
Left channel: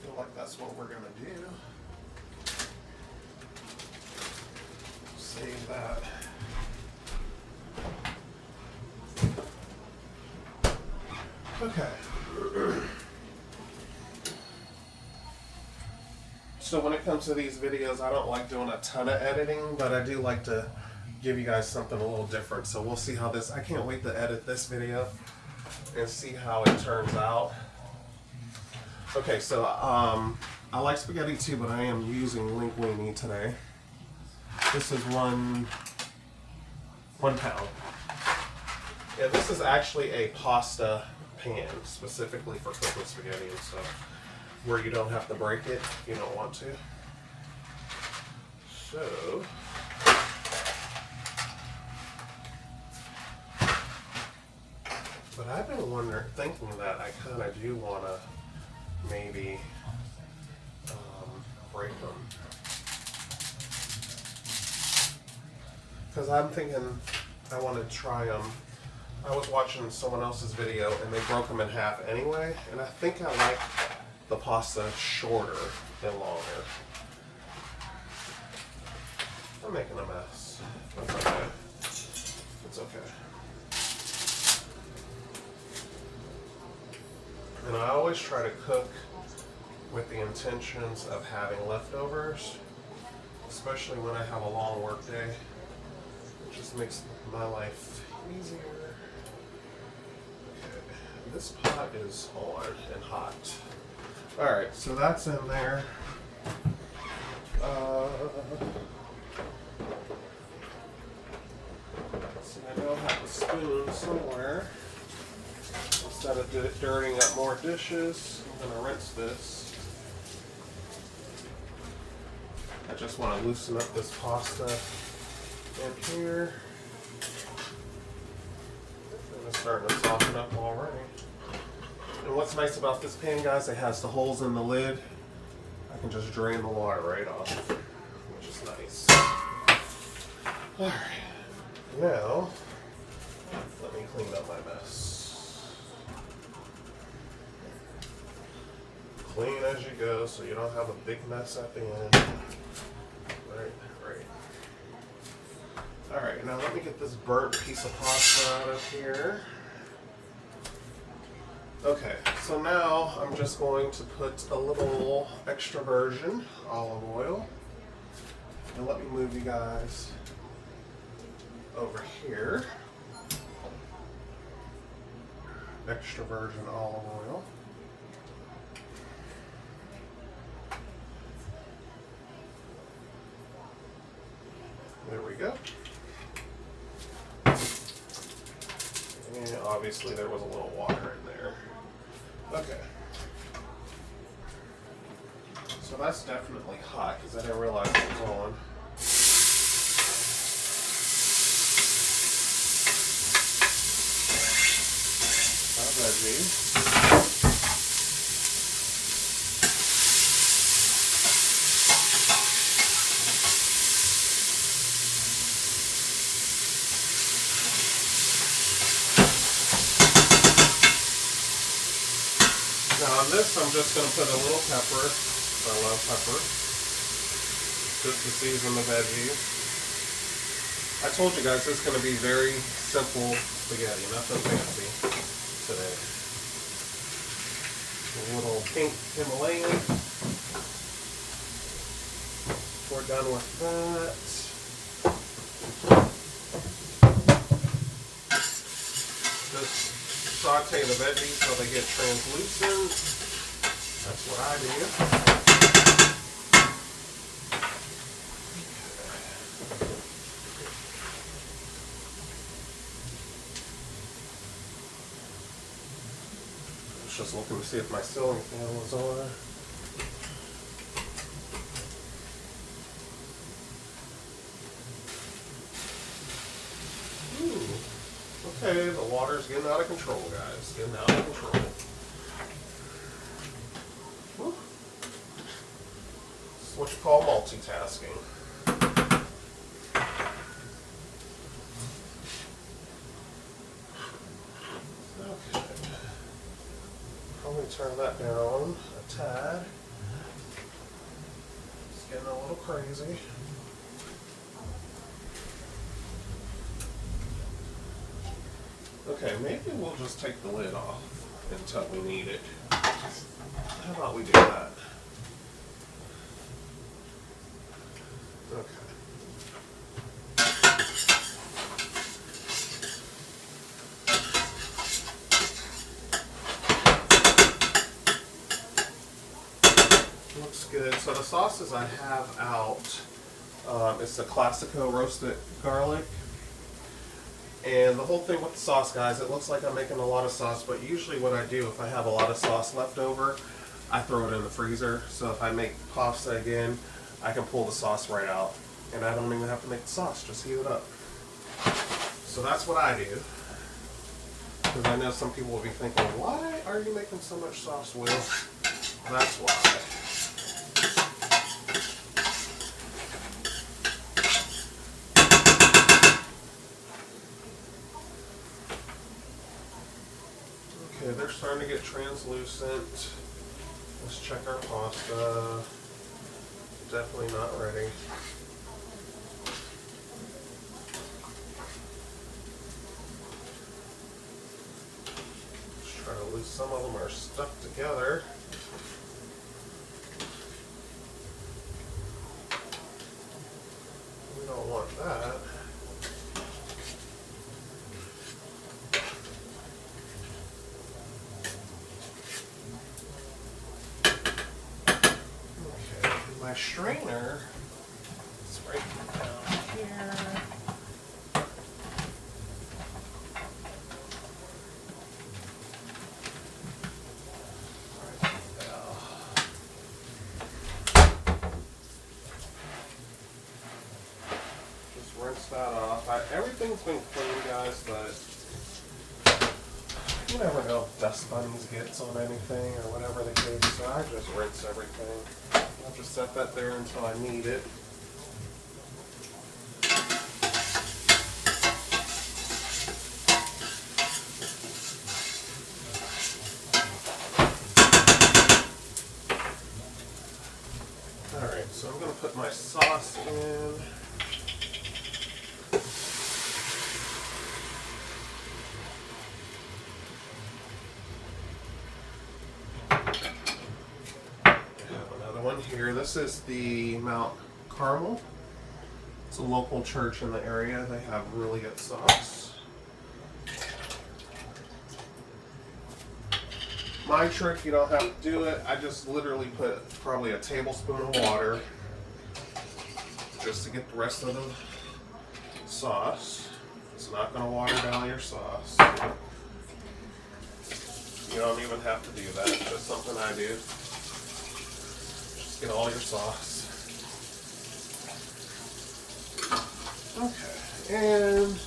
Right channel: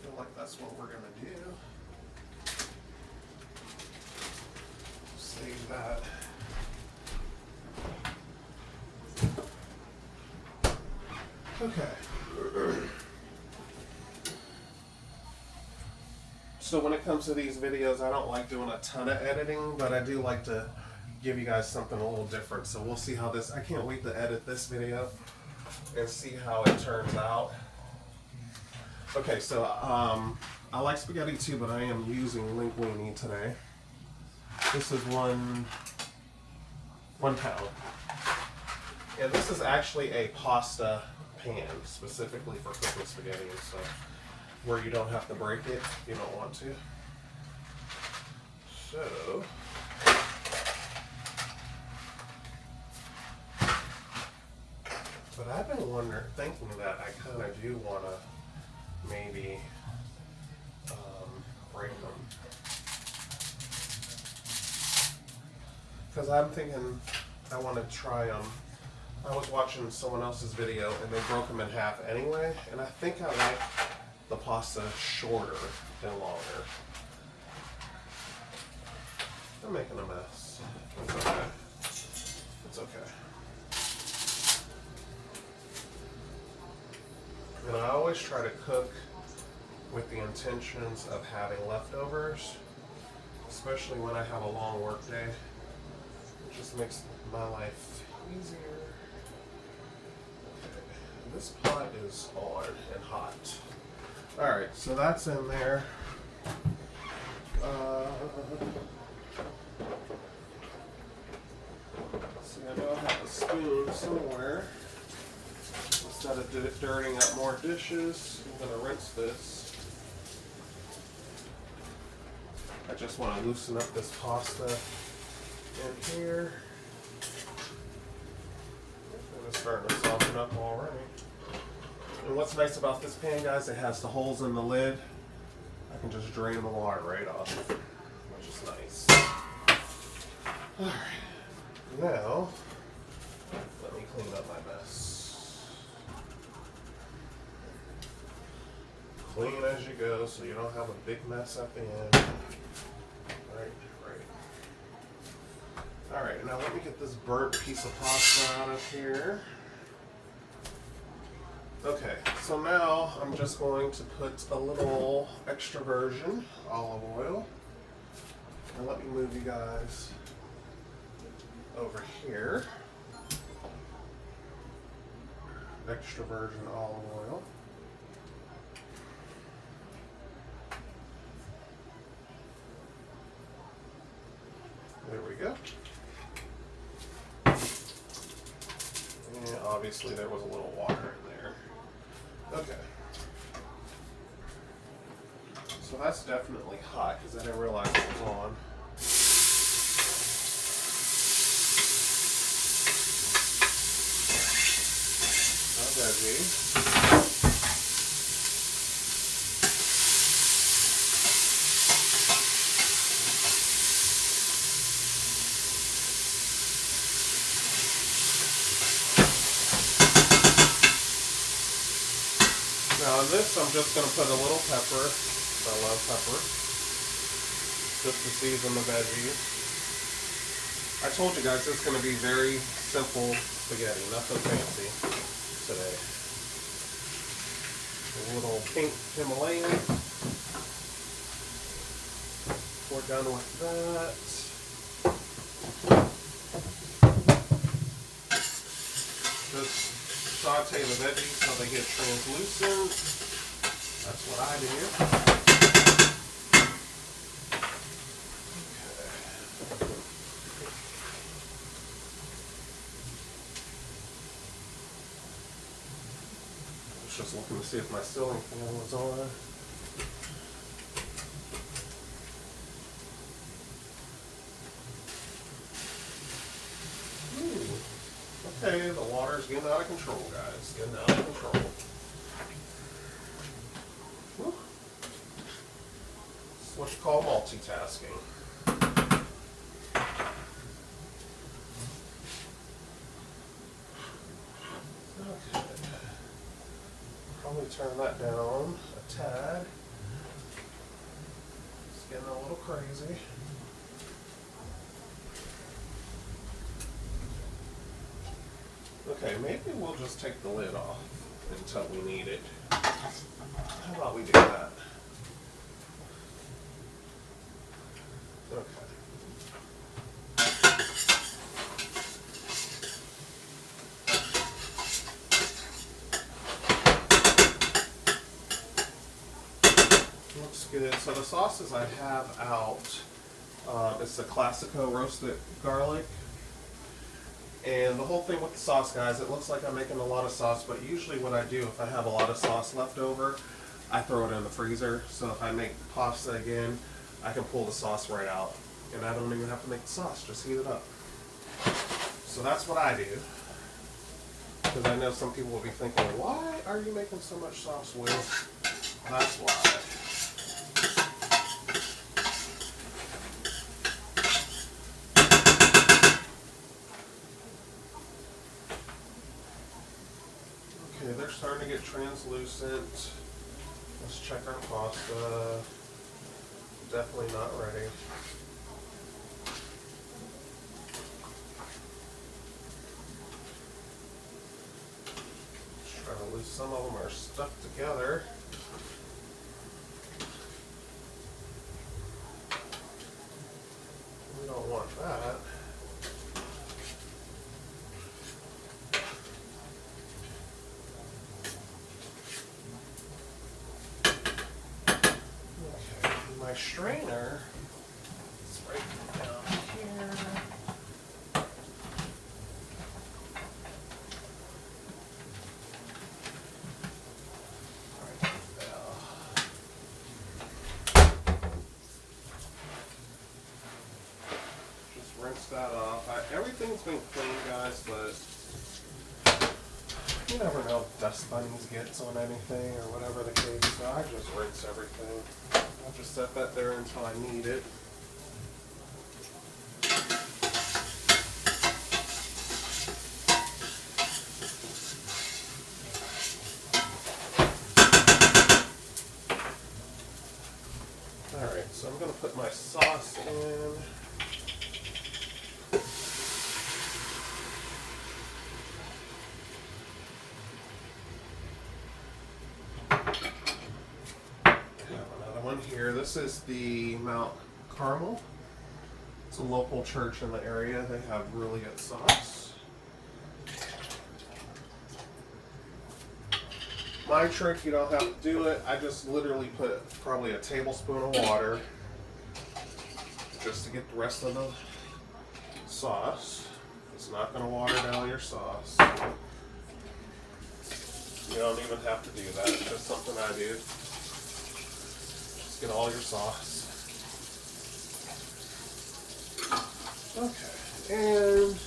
feel like that's what we're gonna do. Save that. Okay. So when it comes to these videos, I don't like doing a ton of editing, but I do like to give you guys something a little different. So we'll see how this, I can't wait to edit this video and see how it turns out. Okay, so I like spaghetti too, but I am using linguine today. This is one pound. Yeah, this is actually a pasta pan specifically for cooking spaghetti and stuff, where you don't have to break it if you don't want to. So, but I've been thinking that I kind of do want to maybe break them. Because I'm thinking I want to try them. I was watching someone else's video and they broke them in half anyway, and I think I like the pasta shorter than longer. I'm making a mess. It's okay. It's okay. And I always try to cook with the intentions of having leftovers, especially when I have a long work day. It just makes my life easier. Okay, this pot is on and hot. Alright, so that's in there. So I know I have a spoon somewhere. Instead of dirtying up more dishes, I'm going to rinse this. I just want to loosen up this pasta in here. And it's starting to soften up already. And what's nice about this pan, guys, it has the holes in the lid. I can just drain the water right off, which is nice. Alright, now let me clean up my mess. Clean as you go so you don't have a big mess at the end. Right. Alright, now let me get this burnt piece of pasta out of here. Okay, so now I'm just going to put a little extra virgin olive oil. And let me move you guys over here. Extra virgin olive oil. There we go. And obviously there was a little water in there. Okay. So that's definitely hot because I didn't realize it was on. Our veggies. Now on this, I'm just going to put a little pepper. I love pepper. Just to season the veggies. I told you guys this is going to be very simple spaghetti, nothing fancy today. A little pink Himalayan. We're done with that. Just saute the veggies so they get translucent. That's what I do. I was just looking to see if my ceiling fan was on. Okay, the water's getting out of control, guys. Getting out of control. Whew. It's what you call multitasking. turn that down a tad. It's getting a little crazy. Okay, maybe we'll just take the lid off until we need it. How about we do that? Okay. Looks good. So the sauces I have out, it's the Classico roasted garlic. And the whole thing with the sauce, guys, it looks like I'm making a lot of sauce, but usually what I do, if I have a lot of sauce left over, I throw it in the freezer. So if I make pasta again, I can pull the sauce right out. And I don't even have to make the sauce, just heat it up. So that's what I do. Because I know some people will be thinking, why are you making so much sauce, Will? That's why. Okay, they're starting to get translucent. Let's check our pasta. Definitely not ready. Let's try to lose. Some of them are stuck together. We don't want that. My strainer is right down here. Right now. Just rinse that off. Everything's been clean, guys, but you never know if dust bunnies gets on anything or whatever the case. So I just rinse everything. I'll just set that there until I need it. Alright, so I'm going to put my sauce in. Here, this is the Mount Carmel. It's a local church in the area. They have really good sauce. My trick, you don't have to do it. I just literally put probably a tablespoon of water just to get the rest of the sauce. It's not going to water down your sauce. You don't even have to do that. It's just something I do. Get all your sauce. Okay, and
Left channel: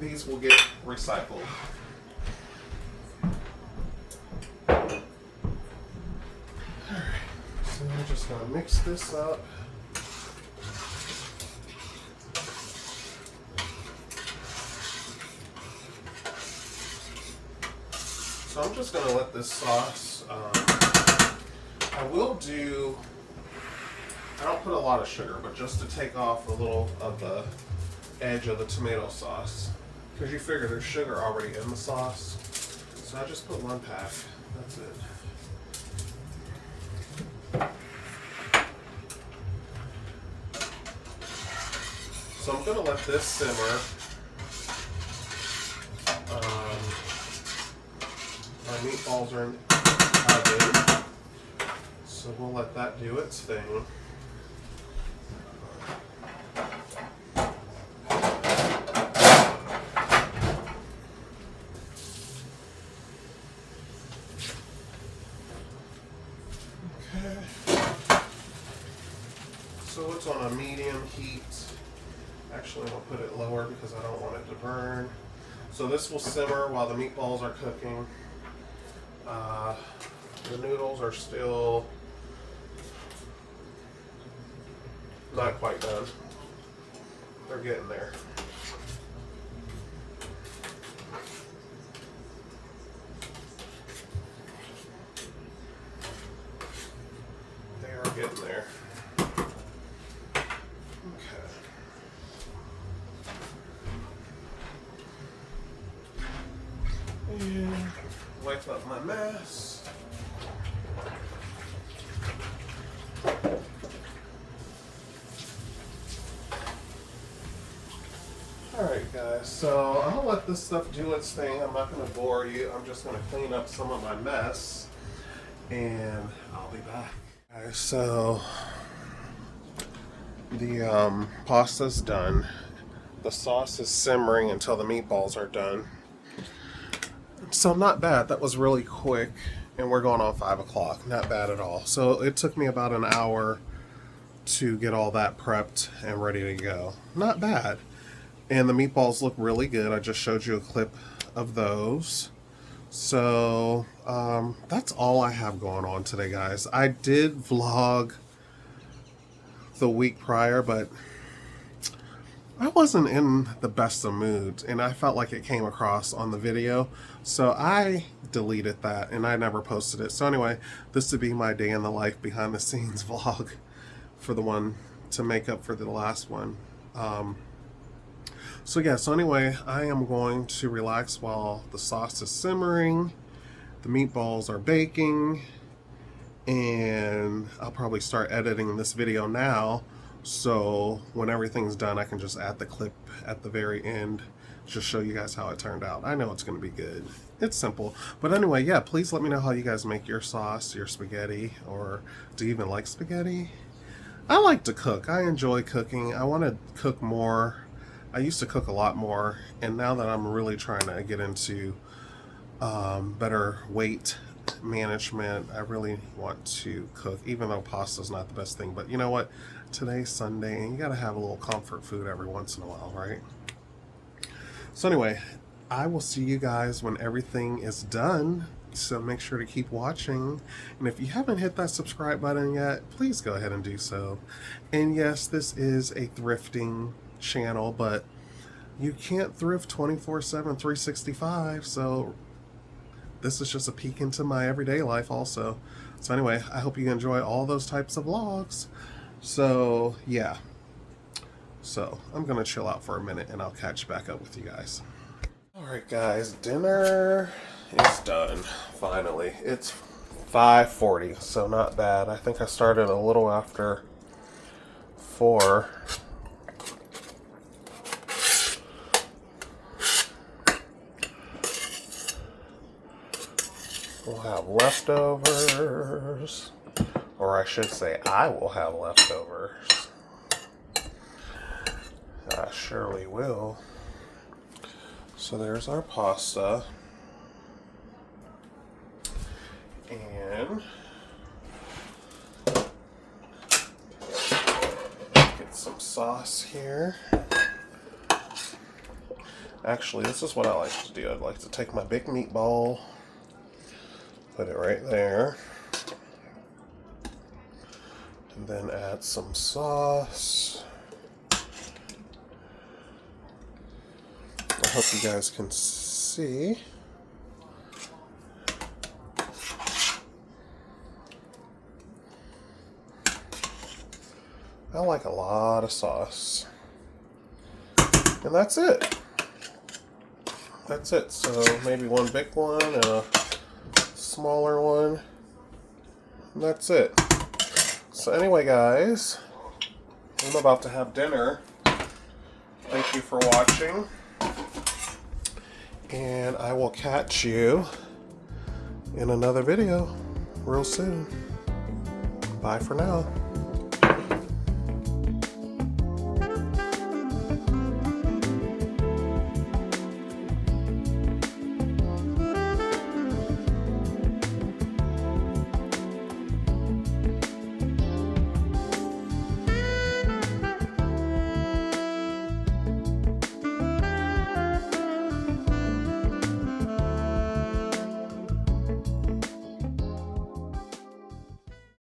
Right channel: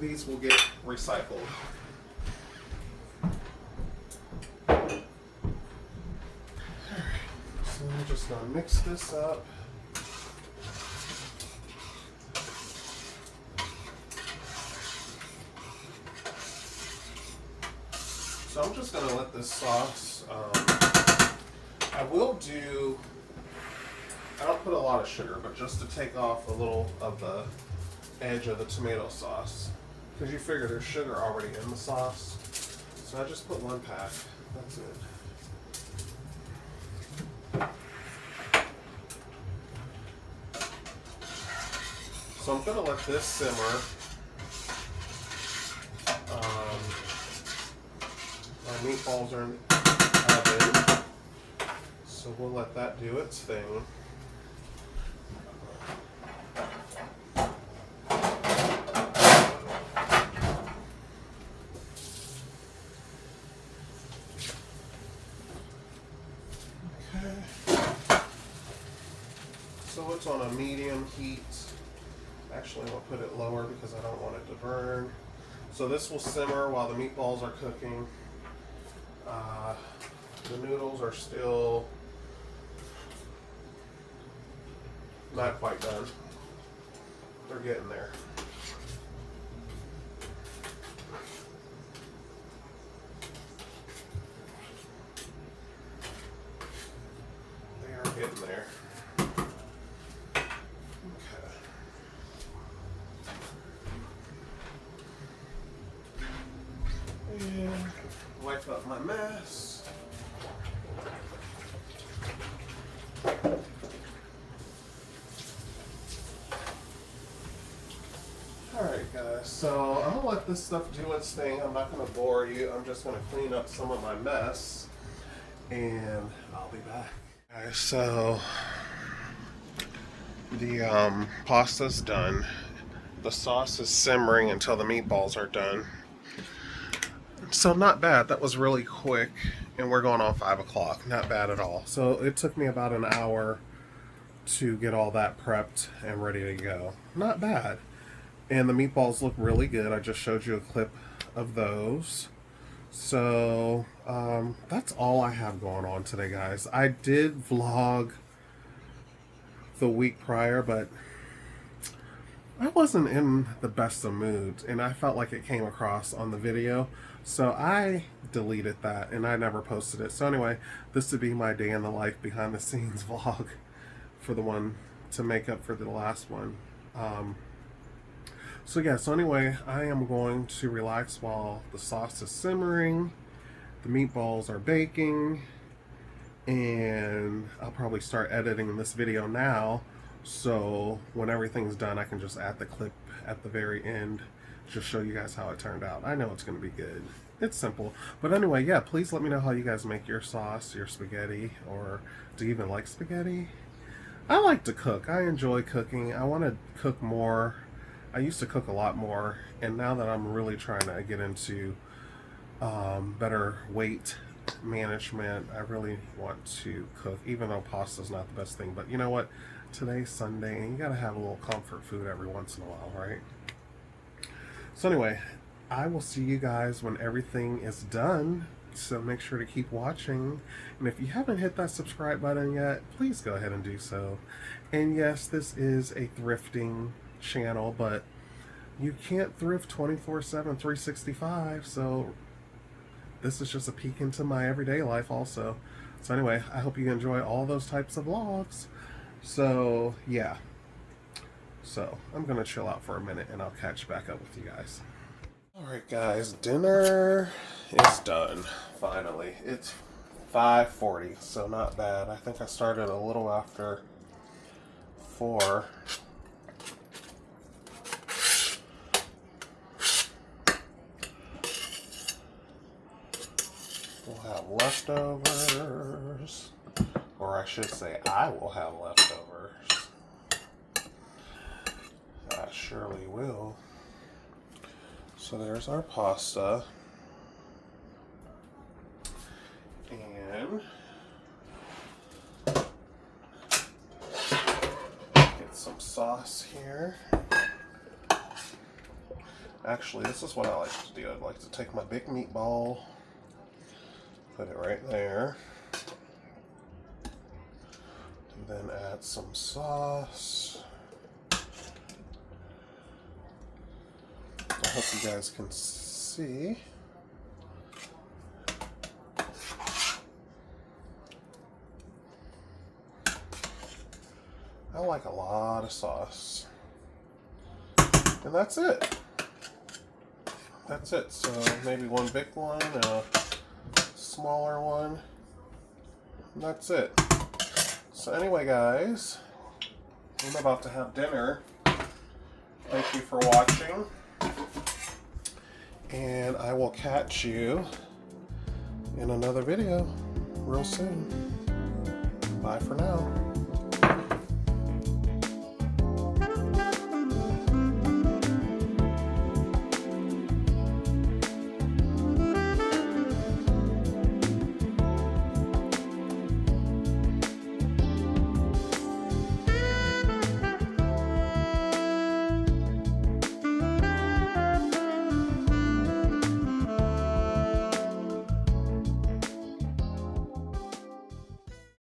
these will get recycled. Alright, so I'm just going to mix this up. So I'm just going to let this sauce I don't put a lot of sugar, but just to take off a little of the edge of the tomato sauce. Because you figure there's sugar already in the sauce. So I just put 1 pack. That's it. So I'm going to let this simmer. My meatballs are in the oven. So we'll let that do its thing. So it's on a medium heat. Actually, I'll put it lower because I don't want it to burn. So this will simmer while the meatballs are cooking. The noodles are still not quite done. They're getting there. getting there. Okay. And wipe up my mess. Alright guys, so I'm going to let this stuff do its thing. I'm not going to bore you. I'm just going to clean up some of my mess. And I'll be back. Alright, so the pasta's done. The sauce is simmering until the meatballs are done. So not bad. That was really quick. And we're going on 5 o'clock. Not bad at all. So it took me about an hour to get all that prepped and ready to go. Not bad. And the meatballs look really good. I just showed you a clip of those. So that's all I have going on today, guys. I did vlog the week prior, but I wasn't in the best of moods, and I felt like it came across on the video. So I deleted that, and I never posted it. So anyway, this would be my day in the life behind the scenes vlog for the one to make up for the last one. So yeah, so anyway, I am going to relax while the sauce is simmering, the meatballs are baking, and I'll probably start editing this video now, so when everything's done I can just add the clip at the very end, just show you guys how it turned out. I know it's going to be good. It's simple. But anyway, yeah, please let me know how you guys make your sauce, your spaghetti, or do you even like spaghetti? I like to cook. I enjoy cooking. I want to cook more. I used to cook a lot more, and now that I'm really trying to get into better weight management, I really want to cook, even though pasta's not the best thing. But you know what? Today's Sunday, and you gotta have a little comfort food every once in a while, right? So anyway, I will see you guys when everything is done. So make sure to keep watching. And if you haven't hit that subscribe button yet, please go ahead and do so. And yes, this is a thrifting channel, but you can't thrift 24/7 365, so this is just a peek into my everyday life also. So anyway, I hope you enjoy all those types of vlogs. So yeah, so I'm gonna chill out for a minute and I'll catch back up with you guys. Alright guys, dinner is done finally. It's 5:40, so not bad. I think I started a little after 4. We'll have leftovers, or I should say I will have leftovers. I surely will. So there's our pasta. And get some sauce here. Actually, this is what I like to do. I'd like to take my big meatball, put it right there, and then add some sauce. I hope you guys can see. I like a lot of sauce. And that's it. That's it. So maybe one big one and a smaller one. And that's it. So anyway, guys, I'm about to have dinner. Thank you for watching. And I will catch you in another video real soon. Bye for now.